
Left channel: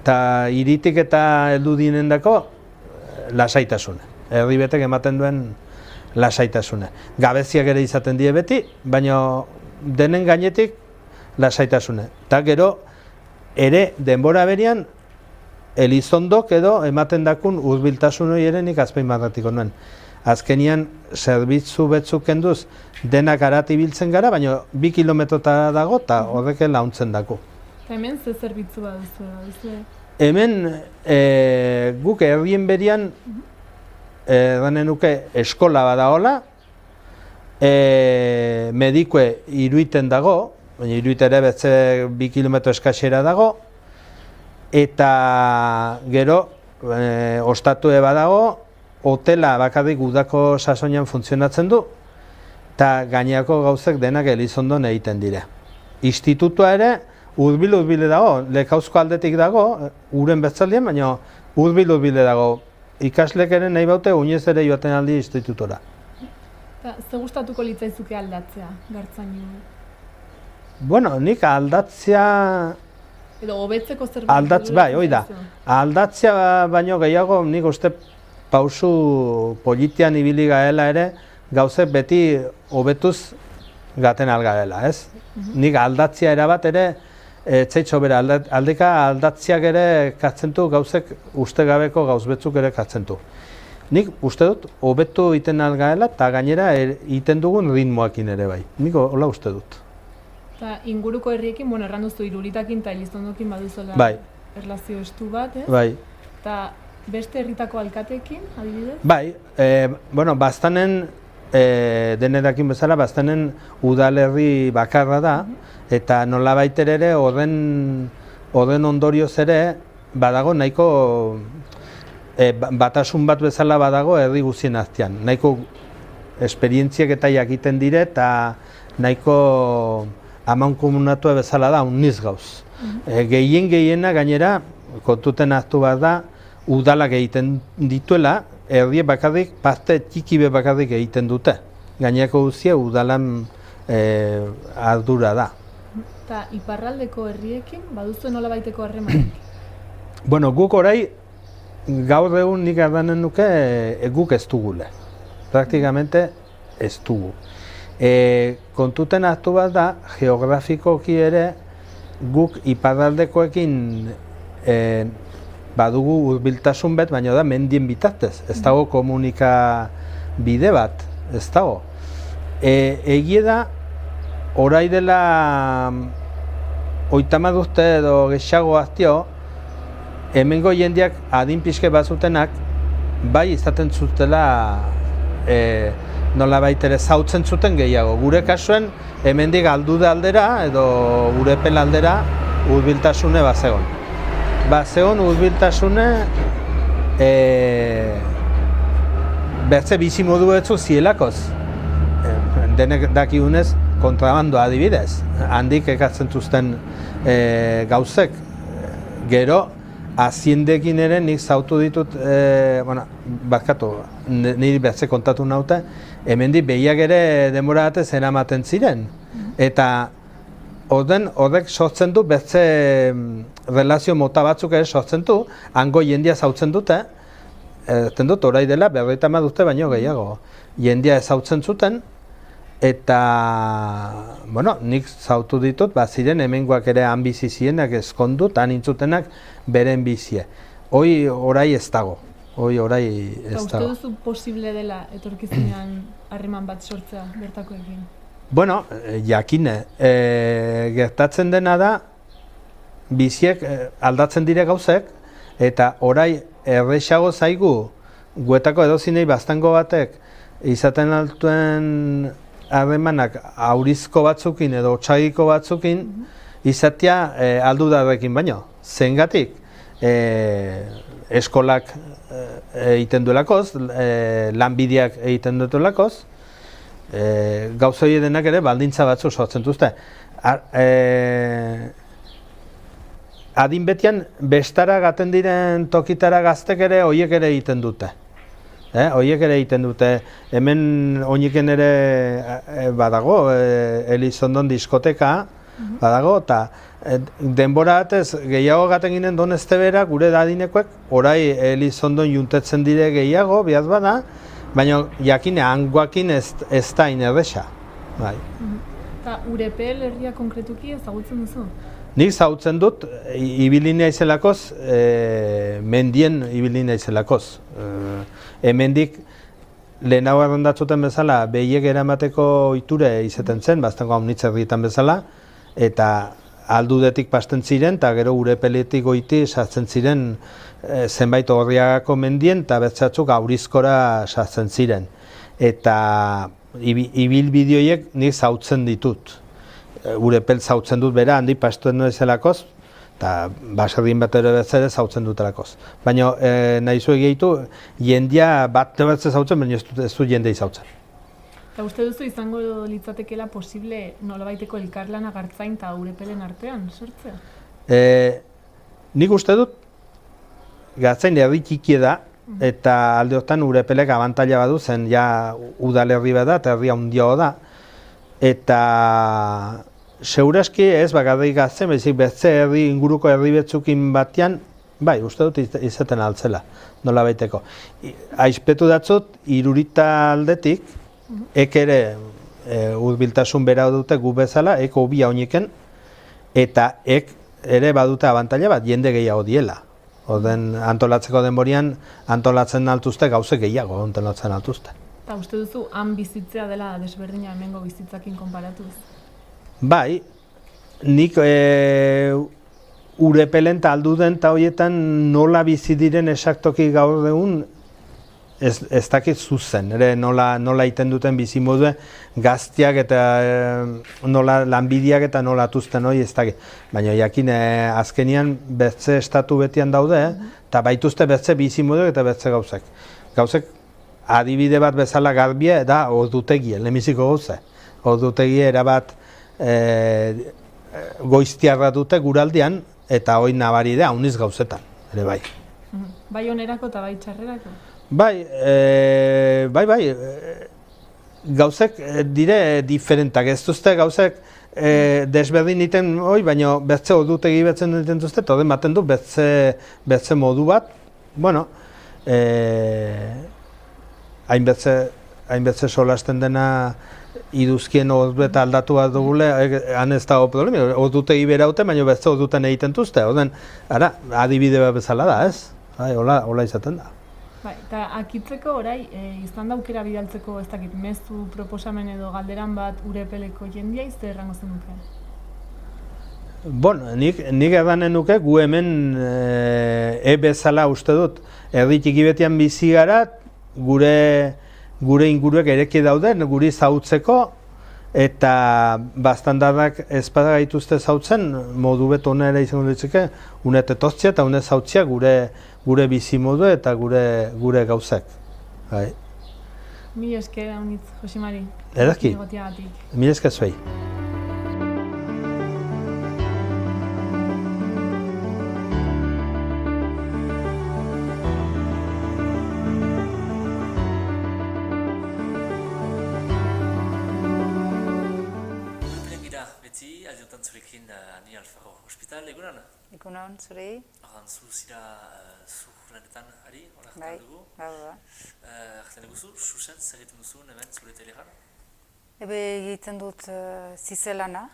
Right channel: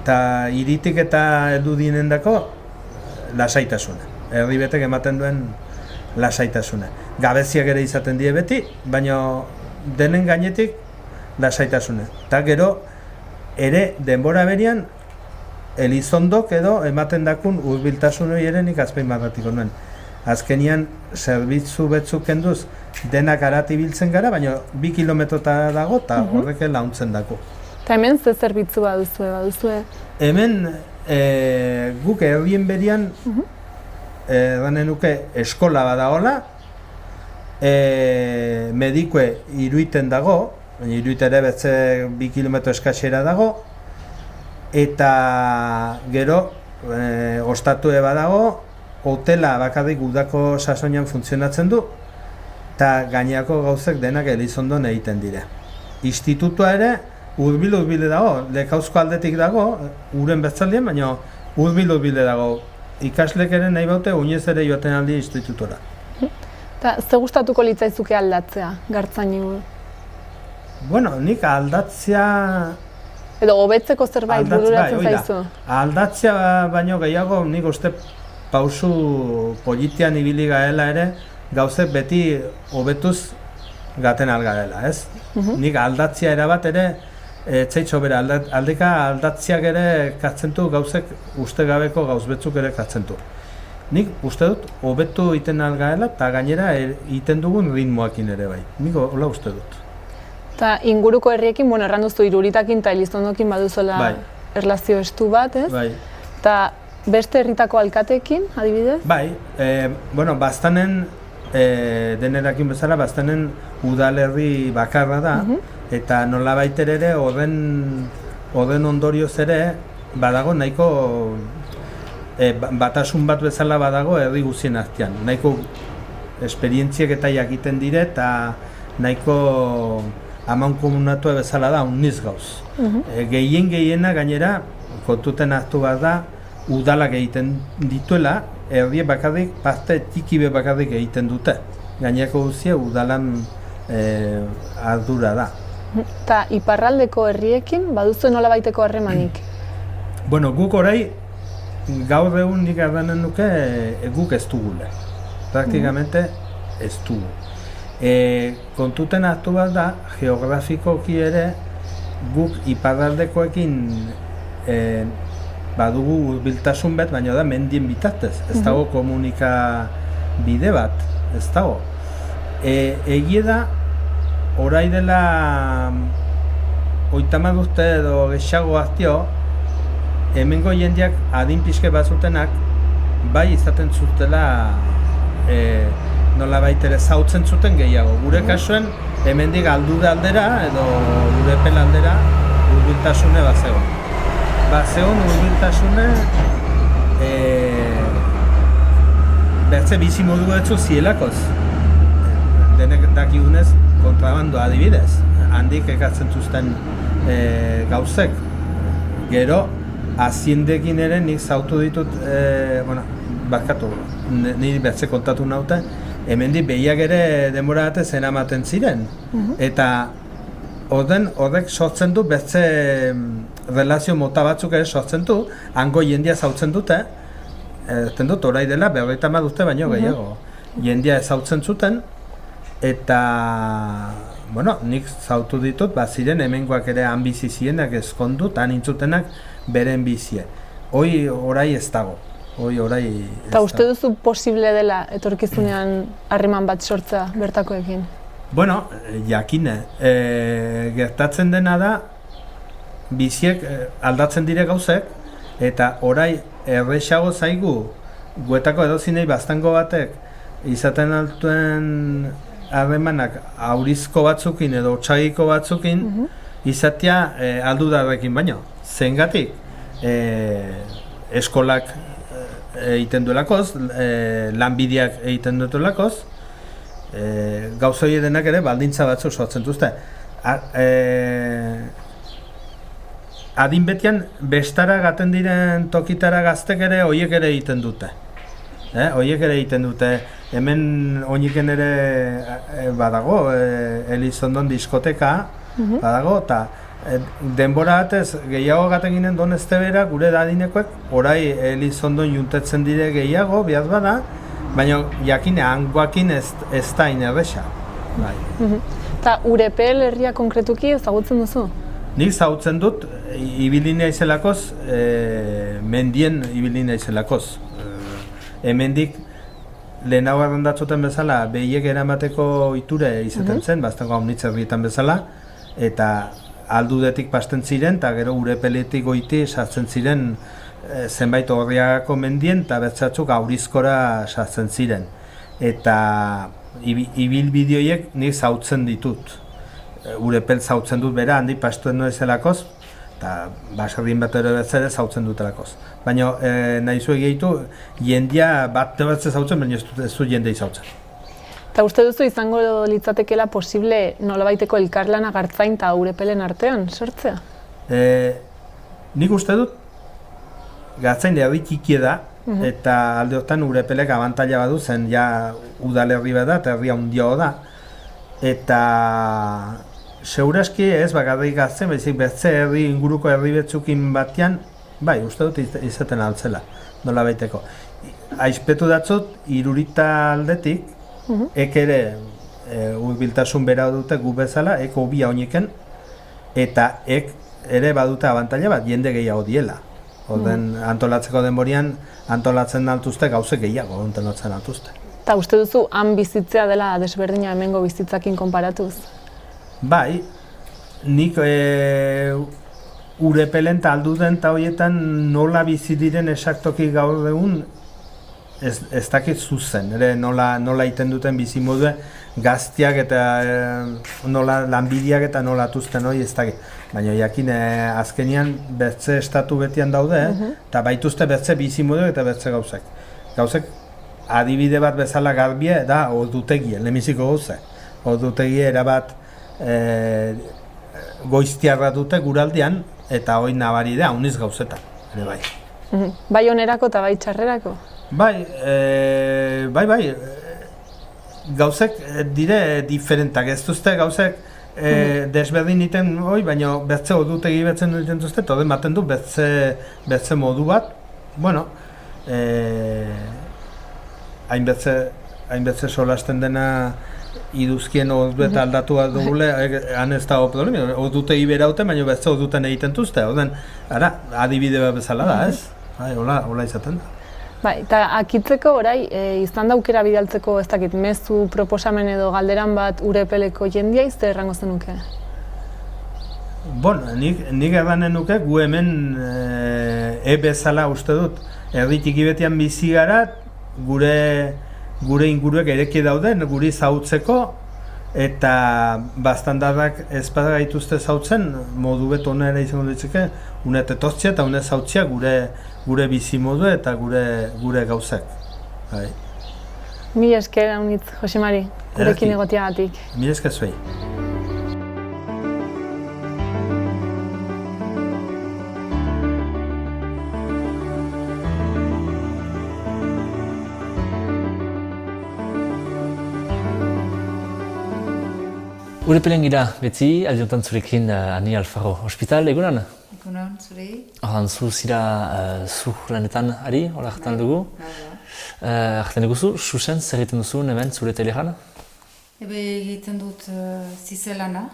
eta hiritik eta heldu dinendako lasaitasune. Herri betek ematen duen lasaitasune. Gabeziak ere izaten die beti, baina denen gainetik lasaitasune. Eta gero, ere denbora berian, Elizondok edo ematen dakun hurbiltasun hori ere nik azpimarratiko nuen. Azkenian, zerbitzu betzuk kenduz denak arati biltzen gara, baina 2 kilometrotara dago eta horrek launtzen dako. Eta hemen ze zerbitzu baduzue? Hemen guk herrien berian edanen nuke eskola badagola, medikue Iruiten dago, baina Iruite ere betze 2 kilometro eskasera dago, eta gero ostatue badago, hotela bakarrik udako sasoian funtzionatzen du, eta gaineako gauzek denak Elizondon egiten dire. Institutua ere hurbil dago, Lekauzko aldetik dago, uren betzaldian, baina hurbil dago. Ikaslek ere nahi baute, oinez ere joaten aldi institutora. Eta ze gustatuko litzaizuke aldatzea, Gartzainen? Bueno, nik aldatzea... Edo hobetzeko zerbait bururatzen zaizu? Aldatzea baino gehiago, nik uste pausu politian ibili gaela ere, gauzek beti hobetuz gaten algaela, ez? Nik aldatzea erabat ere, etzaitxo bere, aldeka aldatziak ere katzentu gauzek ustegabeko gauzbetzuk ere katzentu. Nik uste dut, hobetu iten algaela eta gainera iten dugun ritmoakin ere bai. Nik hola uste dut. Eta inguruko herriekin, bueno, erranduzu Iruritakin eta Elizondokin baduzola erlazio estu bat, ez? Bai. Eta beste herritako alkateekin, adibidez? Bai, bueno, Baztanen, denerakin bezala, Baztanen udalerri bakarra da, eta nolabait ere horren ondorioz ere badago nahiko batasun bat bezala badago herri guztien artean. Nahiko esperientziak eta jakiten dire eta nahiko amankomunatua bezala da uniz gauz. Gehiena gainera kontuten hartu bat da udalak egiten dituela, herriek bakarrik, parte txiki bakarrik egiten dute. Gainerako guztia udalan ardura da. Eta iparraldeko herriekin baduzu nolabaiteko harremanik? Bueno, guk orai gaur egun nik ardanen nuke guk ez dugule. Praktikamente ez dugu. Kontuten hartu bat da, geografikoki ere guk iparraldekoekin badugu hurbiltasun bat, baina da mendien bitartez. Ez dago komunika bide bat, ez dago. Egia da, orai dela 30 urte edo gehiago aztio, hemengo jendeak adin pixke bazutenak bai izaten zutela nolabait ere zautzen zuten gehiago. Gure kasuen hemendik aldude aldera edo gure pel aldera hurbiltasune bazegon. Bazegon hurbiltasune bertze bizi modu betzu zielakoz. Denek dakigunez kontrabandoa adibidez. Handik ekartzen zuzten gauzek. Gero, aziendekin ere nik zautu ditut, barkatu, niri bertze kontatu naute, hemendik behiak ere denbora batez eramaten ziren. Eta horrek sortzen du, bertze relazio mota batzuk ere sortzen du, hango jendia zautzen dute, dut, orai dela, 50 urte baino gehiago. Jendia ezautzen zuten, eta, nik zautu ditut, ziren hemengoak ere han bizi zienak ezkondu, han intzutenak beren bizie. Orai ez dago. Eta uste duzu posible dela etorkizunean harreman bat sortzea bertakoekin? Jakine. Gertatzen dena da, biziek aldatzen dire gauzek, eta orai errexago zaigu, guetako edozinei baztango batek izaten altuen harremanak aurizko batzukin edo otsagiko batzukin izatea aldudarrekin baino. Zengatik, eskolak egiten duelakoz, lanbideak egiten duelakoz, gauzoi denak ere baldintza batzuk sortzen duzte. Adin betian, bestara gaten diren tokitara gaztek ere horiek ere egiten dute. Horiek ere egiten dute, hemen oiniken ere badago, Elizondon diskoteka badago, eta denbora batez gehiago gaten ginen Doneztebera gure dadinekoek, orai Elizondon juntetzen dire gehiago, bihaz bada, baina jakine hangoakin ez da inerresa. Eta Urepel herria konkretuki ezagutzen duzu? Nik ezagutzen dut, ibili naizelakoz, mendien ibili naizelakoz. Hemendik lehenago errendatzuten bezala behiek eramateko ohiture izaten zen, baztango haunitzerrietan bezala, eta aldudetik pasten ziren, eta gero Urepeletik goiti sartzen ziren zenbait Orriagako mendien, eta bertzatzuk aurizkora sartzen ziren. Eta ibilbideoiek nik zautzen ditut. Urepel zautzen dut bera, handi pastuen noiz-elakoz, eta baserrin bat ere betzere zautzen dutelakoz. Baina nahi zu egitu, jendia bat batze zautzen, baina ez du jendei zautzen. Eta uste duzu izango litzatekeela posible nolabaiteko elkarlana Gartzain eta Urepelen artean sortzea? Nik uste dut, Gartzain herri txikia da, eta alde hortan Urepelek abantaila badu zen, ja udalerri bat da, eta herri handia da. Eta seguraski ez bakarrik Gartzain, baizik bertze herri inguruko herri betzukin batean, bai, uste dut izaten altzela, nola baiteko. Aizpetu datzut, Irurita aldetik, ek ere hurbiltasun bera dute gu bezala, ek hobia oiniken, eta ek ere badute abantaila bat, jende gehiago diela. Orden antolatzeko denborian, antolatzen altuzte gauze gehiago antolatzen altuzte. Eta uste duzu, han bizitzea dela desberdina hemengo bizitzakin konparatuz? Bai, nik Urepelen eta alduden eta horietan nola bizi diren esaktoki gaur egun ez dakit zuzen, nola iten duten bizi modue gaztiak eta nola lanbideak eta nola atuzten hori ez dakit. Baina jakin azkenian bertze estatu betian daude, eta baituzte bertze bizi moduek eta bertze gauzek. Gauzek adibide bat bezala garbia da ordutegia, lehenbiziko gauze. Ordutegia erabat goiztiarra dute guraldian, eta hori nabari da, hauniz gauzetan, ere bai. Bai onerako eta bai txarrerako? Bai, gauzek dire diferentak, ez duzte gauzek desberdin iten hori, baina bertze ordutegi betzen duten duzte, eta hori maten du bertze modu bat, bueno, hainbetze solasten dena iduzkien ordubeta aldatu bat dugule, han ez dago problemi, ordutegi beraute, baina bertze orduten egiten duzte, adibide bat bezala da, ez? Hola izaten da. Bai, eta akitzeko orai, izan da aukera bidaltzeko, ez dakit, mezu, proposamen edo galderan bat urepeleko jendia izte errango zenuke? Bueno, nik edanen nuke, gu hemen bezala uste dut, erdi txiki betian bizi gara, gure inguruek ereki daude, guri zautzeko, eta bastandarrak ezpada gaituzte zautzen, modu beto onera izango ditzike, une tetoztzia eta une zautzia gure bizi modu eta gure gauzak. Bai. Mil esker haunitz, Jose Mari, gurekin egotiagatik. Mil esker zuei. Urepelen gira beti, aldiotan zurekin Ani Alfaro Hospital, egunan? Egunan, zurei. Horren, zu zira zu lanetan ari, hori hartan dugu. Hartan dugu Xuxen, zer egiten duzu hemen zure telejan? Egiten dut zizelana.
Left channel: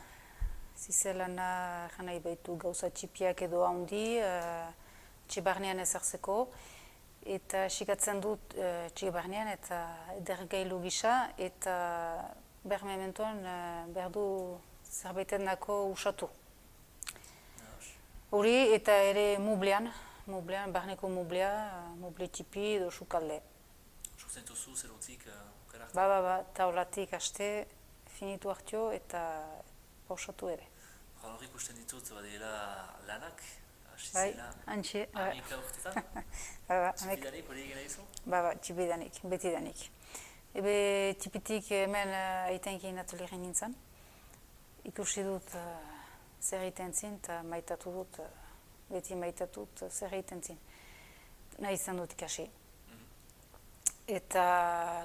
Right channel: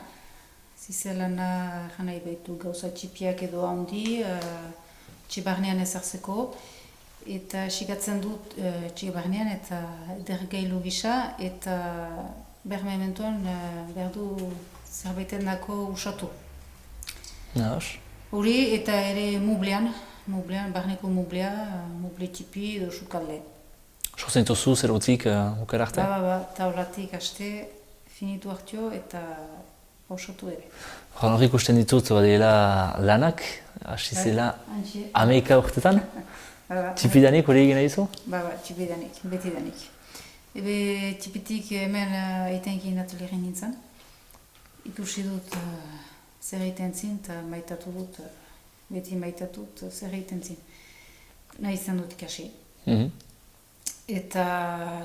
Zizelana jana ibaitu gauza txipiak edo handi, txibarnean ezartzeko. Eta sigatzen dut txibarnean eta dergailu gisa eta bermementuan behar du zerbaiten dako usatu. Naos? Hori eta ere mublean, barneko mublea, muble tipi edo sukalde. Sortzen dituzu zerotik ukera arte? Ba, taulatik haste, finitu hartio eta pausatu ere. Hor ikusten ditut badela lanak, hasi zela Amerika urtetan? Txipidanik hori egin nahi zu? Ba, txipidanik, betidanik. Tipitik hemen eitenkin atelieren nintzen. Ikusi dut zer egiten zin eta maitatu dut, beti maitatut zer egiten zin. Nahi izan dut ikasi. Eta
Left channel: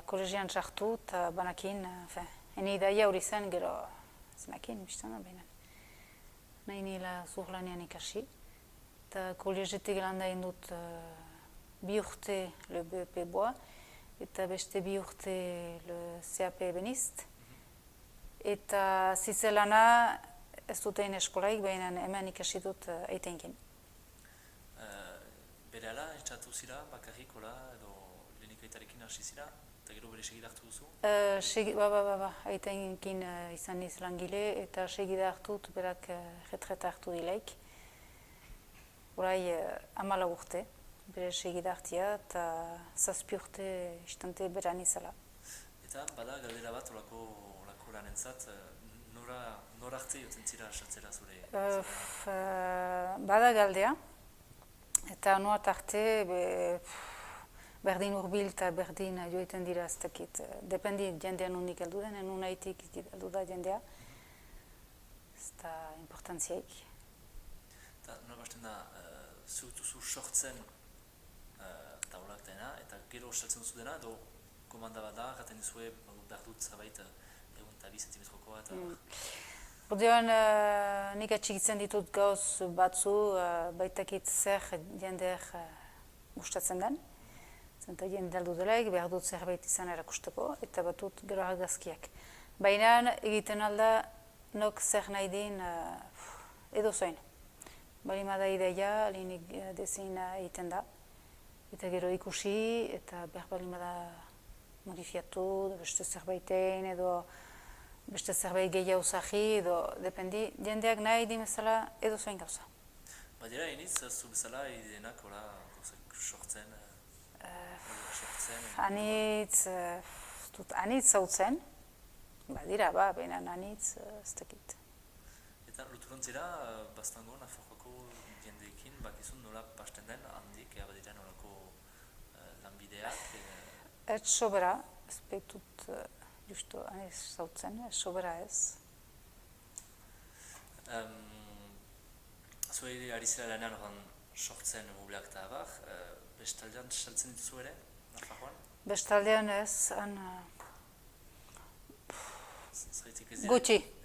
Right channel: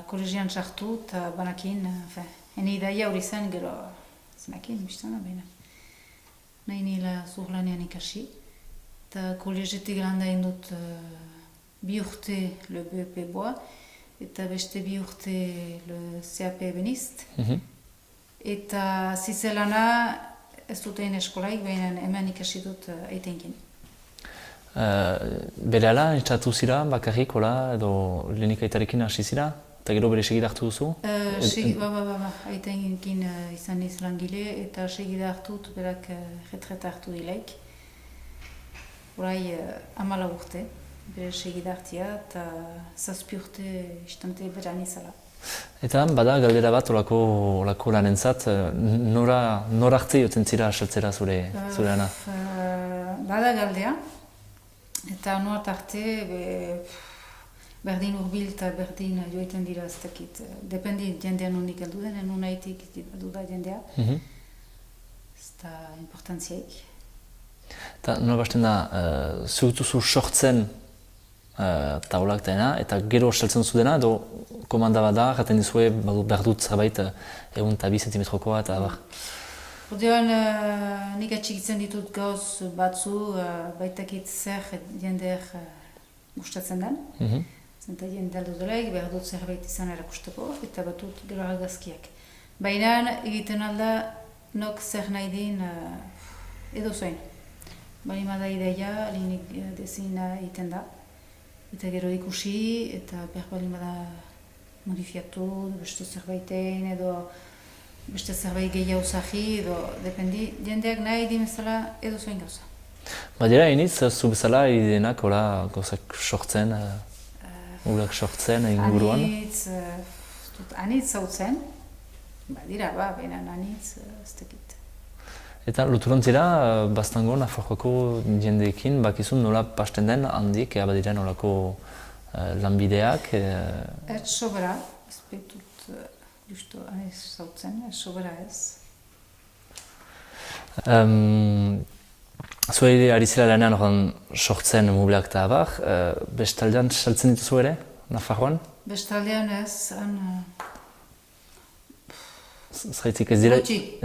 kolegian sartu eta banakin, hene idaia hori zen gero zenakin, biztana behina. Nahi nila zurlanean ikasi. Eta kolegetik landa indut bi urte le BEP boa. Eta beste bi urte le CAP Benist. Eta zizelana ez dut egin eskolaik, baina hemen ikasi dut eitenkin. Berehala, entzatu zira, bakarrik, edo lehenikaitarekin hasi zira? Eta gero bere segida hartu duzu? Ba, eitenkin izan niz langile eta segida hartut, berak retreta hartu dileik. Horai 14 urte. Bere segida hartia eta 7 urte istante beran izala. Eta bada galdera bat olako lanentzat, nora arte joten zira asaltzera zure ana? Bada galdea, eta nora arte berdin urbil eta berdin joiten dira ez dakit. Dependi jendean unik heldu den, unaitik heldu da jendea. Ez da importantziek. Eta nola basten da, zugutuzu sortzen taulak dena, eta gero saltzen zu dena, edo komanda bat da, jaten dizue behar dut zerbait egun eta 2 zentimetrokoa eta abar. Ordean, nik atxikitzen ditut gauz batzu, baitakit zer jendeer gustatzen den. Zenta jende aldo delaik, behar dut zerbait izan erakusteko, eta batut gero argazkiak. Baina egiten alda, nok zer nahi din edo zoin. Balima da ideia, linik dezina egiten da. Eta gero ikusi, eta behar balima da modifiatu, beste zerbaiten edo beste zerbait gehiago zahi, edo dependi, jendeak nahi dimezala edo zoin gauza. Badira iniz, zu bezala idenak gauzak sortzen, urak sortzen inguruan? Anitz zautzen, badira baina anitz ez dakit. Eta luturontzira, bastango Nafarroako jendeekin bakizun nola pasten den handik, badira nolako lanbideak? Ez sobera, ez behitut justu anitz zautzen, ez sobera ez. Zuei ari zela lanean horren sortzen mubleak eta abar, bestaldean saltzen dituzu ere, Nafarroan? Bestaldean ez, Zeraitik ez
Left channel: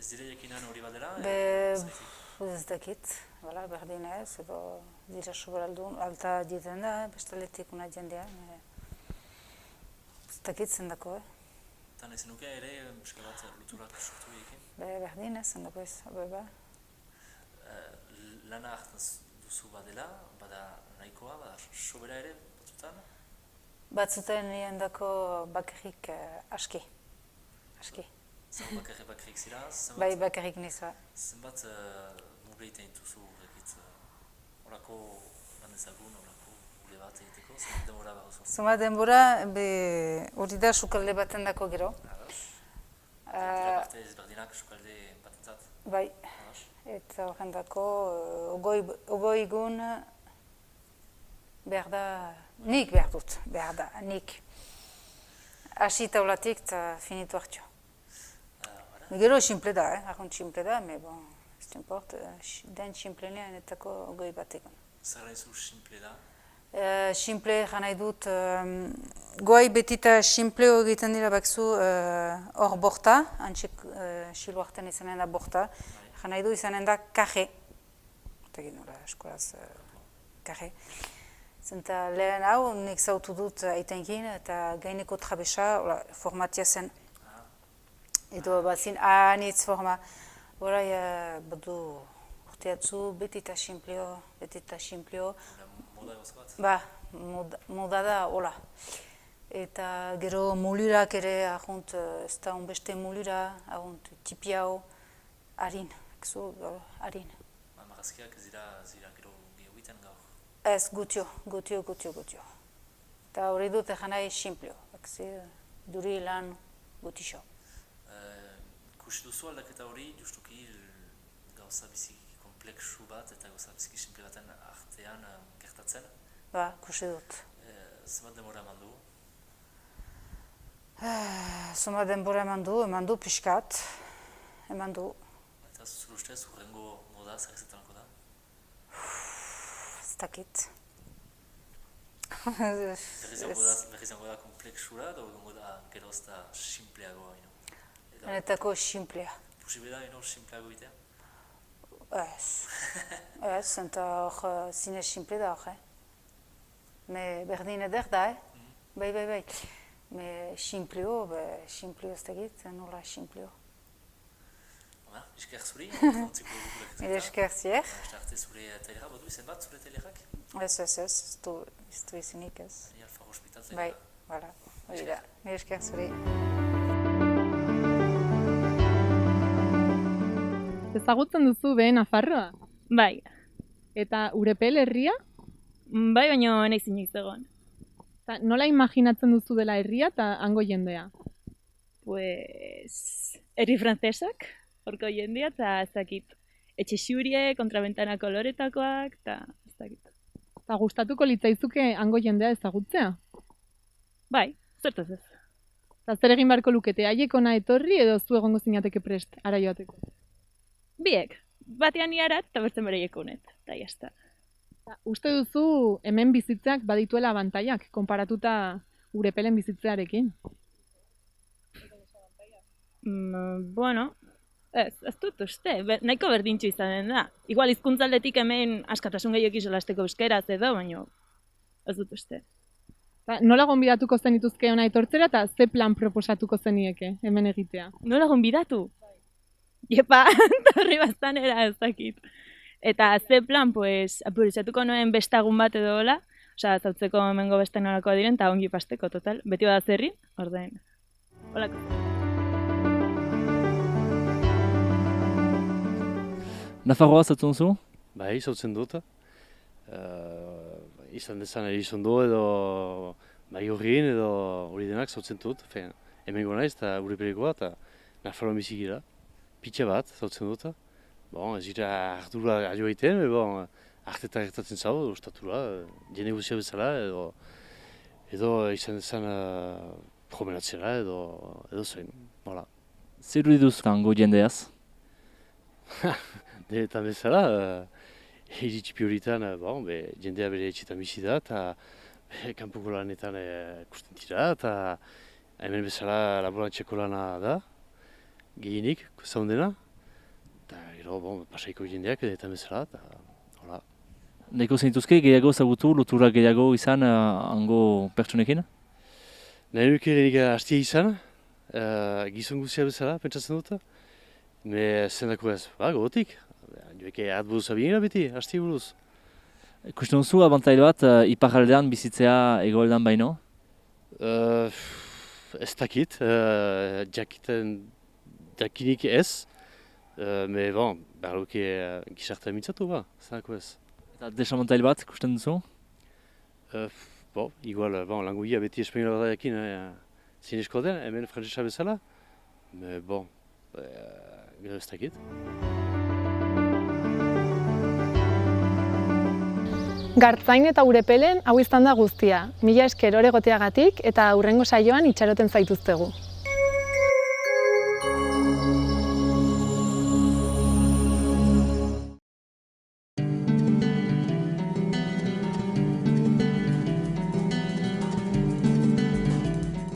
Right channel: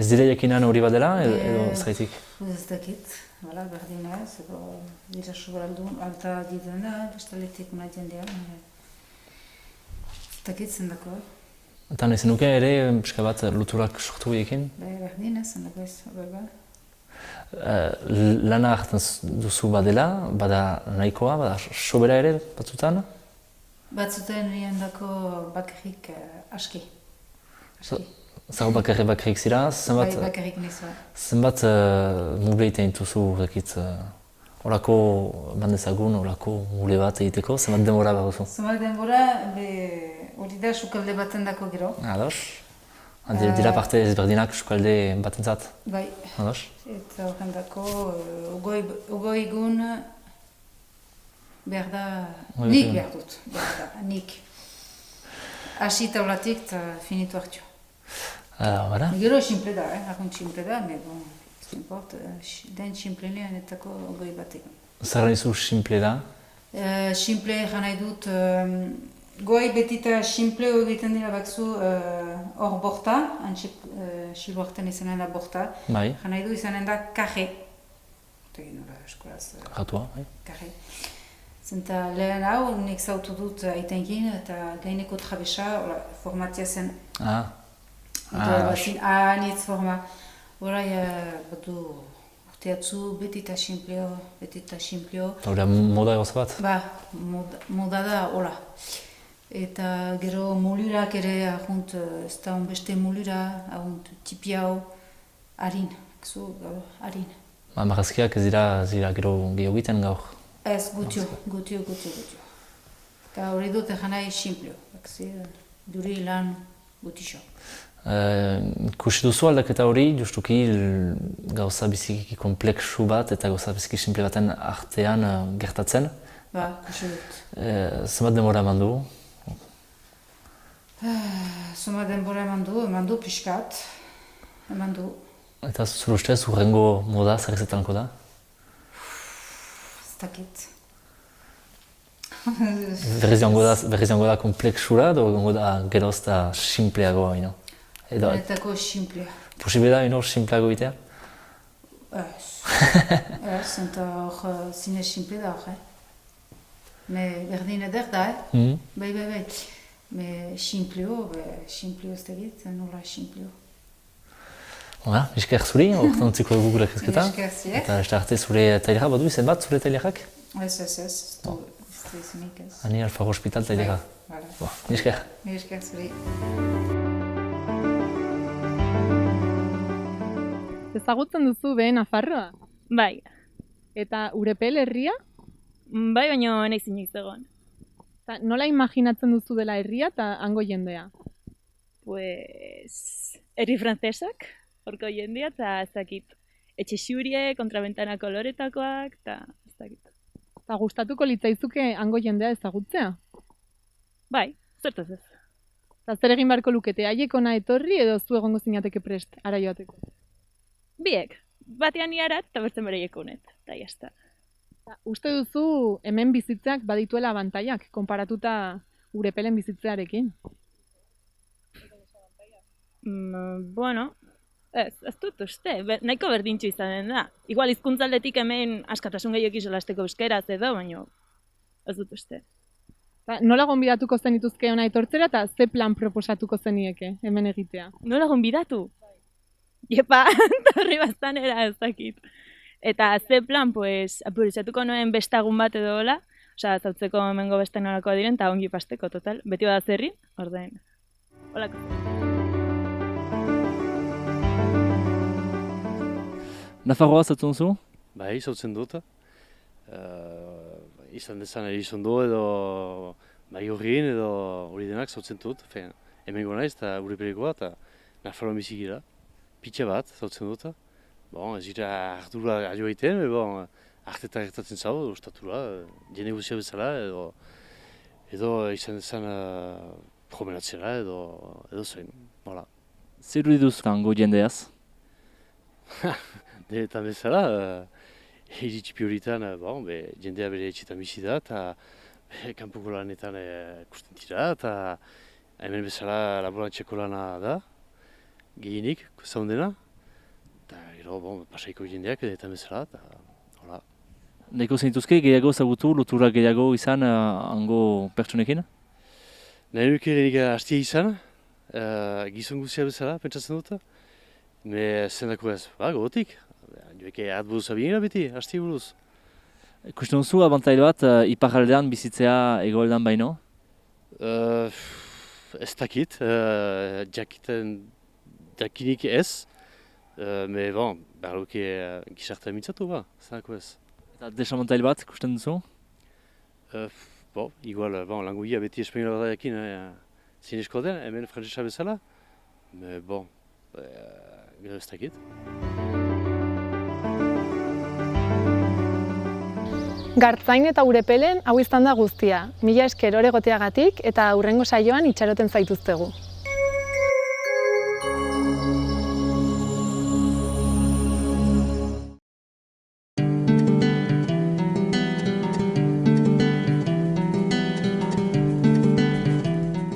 dira jakinan hori bat dela, edo zeraitik? Ez dakit, berdin ez, edo dira soberaldun, alta dieten da, bestaletik una jendean. Ez dakit zendako. Eta nahi zenuke ere, pixka bat luturak sortu egin? Berdin ez, zendako ez, hori bat. Lana hartzen duzu badela, bada nahikoa, bada sobera ere batzutan? Batzuten niandako bakarrik aski. Zago bakarrik zira, Bai, bakarrik nizu. zenbat mule egiten dituzu, horako bandezagun, horako mule bat egiteko, zenbat denbora behar duzu? Zenbat denbora, hori da sukalde baten dako gero. Ados? Dira parte ezberdinak sukalde batentzat? Bai. Ados? Eta horren dako, ogoi egun behar da, nik behar dut, nik. Hasi taulatik eta finitu hartio. Gero simple da, argunt simple da, me bon, ez import, den simplenean etako ogoi bat egun. Zer nizu simple da? Simple nahi dut, goi betita simple egiten dira bakzu hor borta, antxik siluarten izanen da borta. Bai. Nahi du izanen da kaje. Tegin nola eskolaz. Ratua, bai. Kaje. Zenta lehen hau, nik zautu dut aitenkin eta gaineko trabesa, formatia zen. Bazin, anitz forma. Horai, badu urteatzu betita simpleo. Hora moda egoza bat? Ba, moda da, hola. Eta gero molurak ere, ahunt, ez da beste molura, ahunt, tipi hau, harin, harin. Marrazkiak ez dira gero gehiago egiten gaur? Ez, gutio. Eta hori dut egin nahi simpleo, duri lan gutixo. Ikusi duzu aldaketa hori, justuki gauza biziki kompleksu bat eta gauza biziki simple baten artean gertatzen? Ba, ikusi dut. Zenbat denbora eman du? Zenbat denbora eman du pixkat, eman du. Eta zure ustez, hurrengo moda zer izatelanko da? Ez dakit. Berriz joango da kompleksura edo joango da geroz eta simpleagoa, ino? Benetako simplea. Posible da, ino, simpleago egitea? Ez. Ez, eta hor zinez simple da hor, Me berdin eder da, Bai. Me simpleo ez dakit, nola simpleo. Hala, esker zuri, horretan utziko dugu gure kezketa. Esker zi, Eta ez da arte zure tailerak badu izen bat, zure tailerak? Ez du izenik ez. Ani Alfaro Hospital tailera. Esker. Esker zuri. Ezagutzen duzu behe Nafarroa? Bai. Eta Urepel herria? Bai, baina nahi zinik zegoen. Nola imaginatzen duzu dela herria eta hango jendea? Pues, herri frantzesak, horko jendea, eta ez dakit. Etxe xurie, kontrabentana koloretakoak, eta ez dakit. Eta gustatuko litzaizuke hango jendea ezagutzea? Bai, zertaz ez. Eta zer egin beharko lukete, haiek ona etorri edo zu egongo zinateke prest, ara joateko? Biek, batean iarat eta bertzen bereiek honet, eta jazta. Uste duzu hemen bizitzeak badituela abantaiak, konparatuta Urepelen bizitzearekin? Bueno, ez dut uste, nahiko berdintxo izanen da. Igual hizkuntzaldetik hemen askatasun gehiago solasteko euskeraz edo, baina ez dut uste. Nola gonbidatuko zenituzke hona etortzera eta ze plan proposatuko zenieke hemen egitea? Nola gonbidatu? Iepa, torri bastanera ez dakit. Eta ze plan, pues, apurizatuko noen bestagun bat edo hola, osea, zautzeko hemengo beste nolakoa diren, eta ongi pasteko, total. Beti bada zerrin, ordein. Holako. Nafarroa zautzen duzu? Bai, zautzen dut. Izan dezan Elizondo edo Maigorrin edo hori denak zautzen dut. Hemengo naiz eta Urepelekoa eta Nafarroan bizi gira. Pitxe bat zautzen dut. Bon, ez dira hartura adio egiten, bon, artetan gertatzen zau, ostatura, jende guztia bezala edo izan dezan promenatzera edo zein, hola. Zer duz hango jendeaz? Denetan bezala, iritxipi horietan, jendea bere etxetan bizi da, eta kanpoko lanetan ikusten dira, eta hemen bezala laborantziako lana da, gehienik, zaundena. Eta gero, pasaiko jendeak edetan bezala, eta hola. Nahiko zenituzke gehiago zagutu, lotura gehiago izan hango pertsonekin? Nahi nuke hastia izan, gizon guztia bezala, pentsatzen dut. Me zendako ez, gogotik. Joeke atburuz abinera beti, hastia buruz. Ikusten duzu abantail bat, iparraldean bizitzea hegoaldean baino? Ez dakit, jakinik ez, me bon, behar luke gizartea mintzatu ba, zanako ez. Eta desamontail bat ikusten duzu? Igual, languia beti espainola da jakin zinesko den, hemen frantzesa bezala, me gero ez dakit. Gartzain eta Urepelen hau izan da guztia. Mila esker oregoteagatik eta hurrengo saioan itxaroten zaituztegu.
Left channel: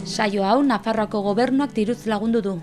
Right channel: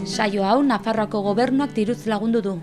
Saio hau Nafarroako Gobernuak diruz lagundu du.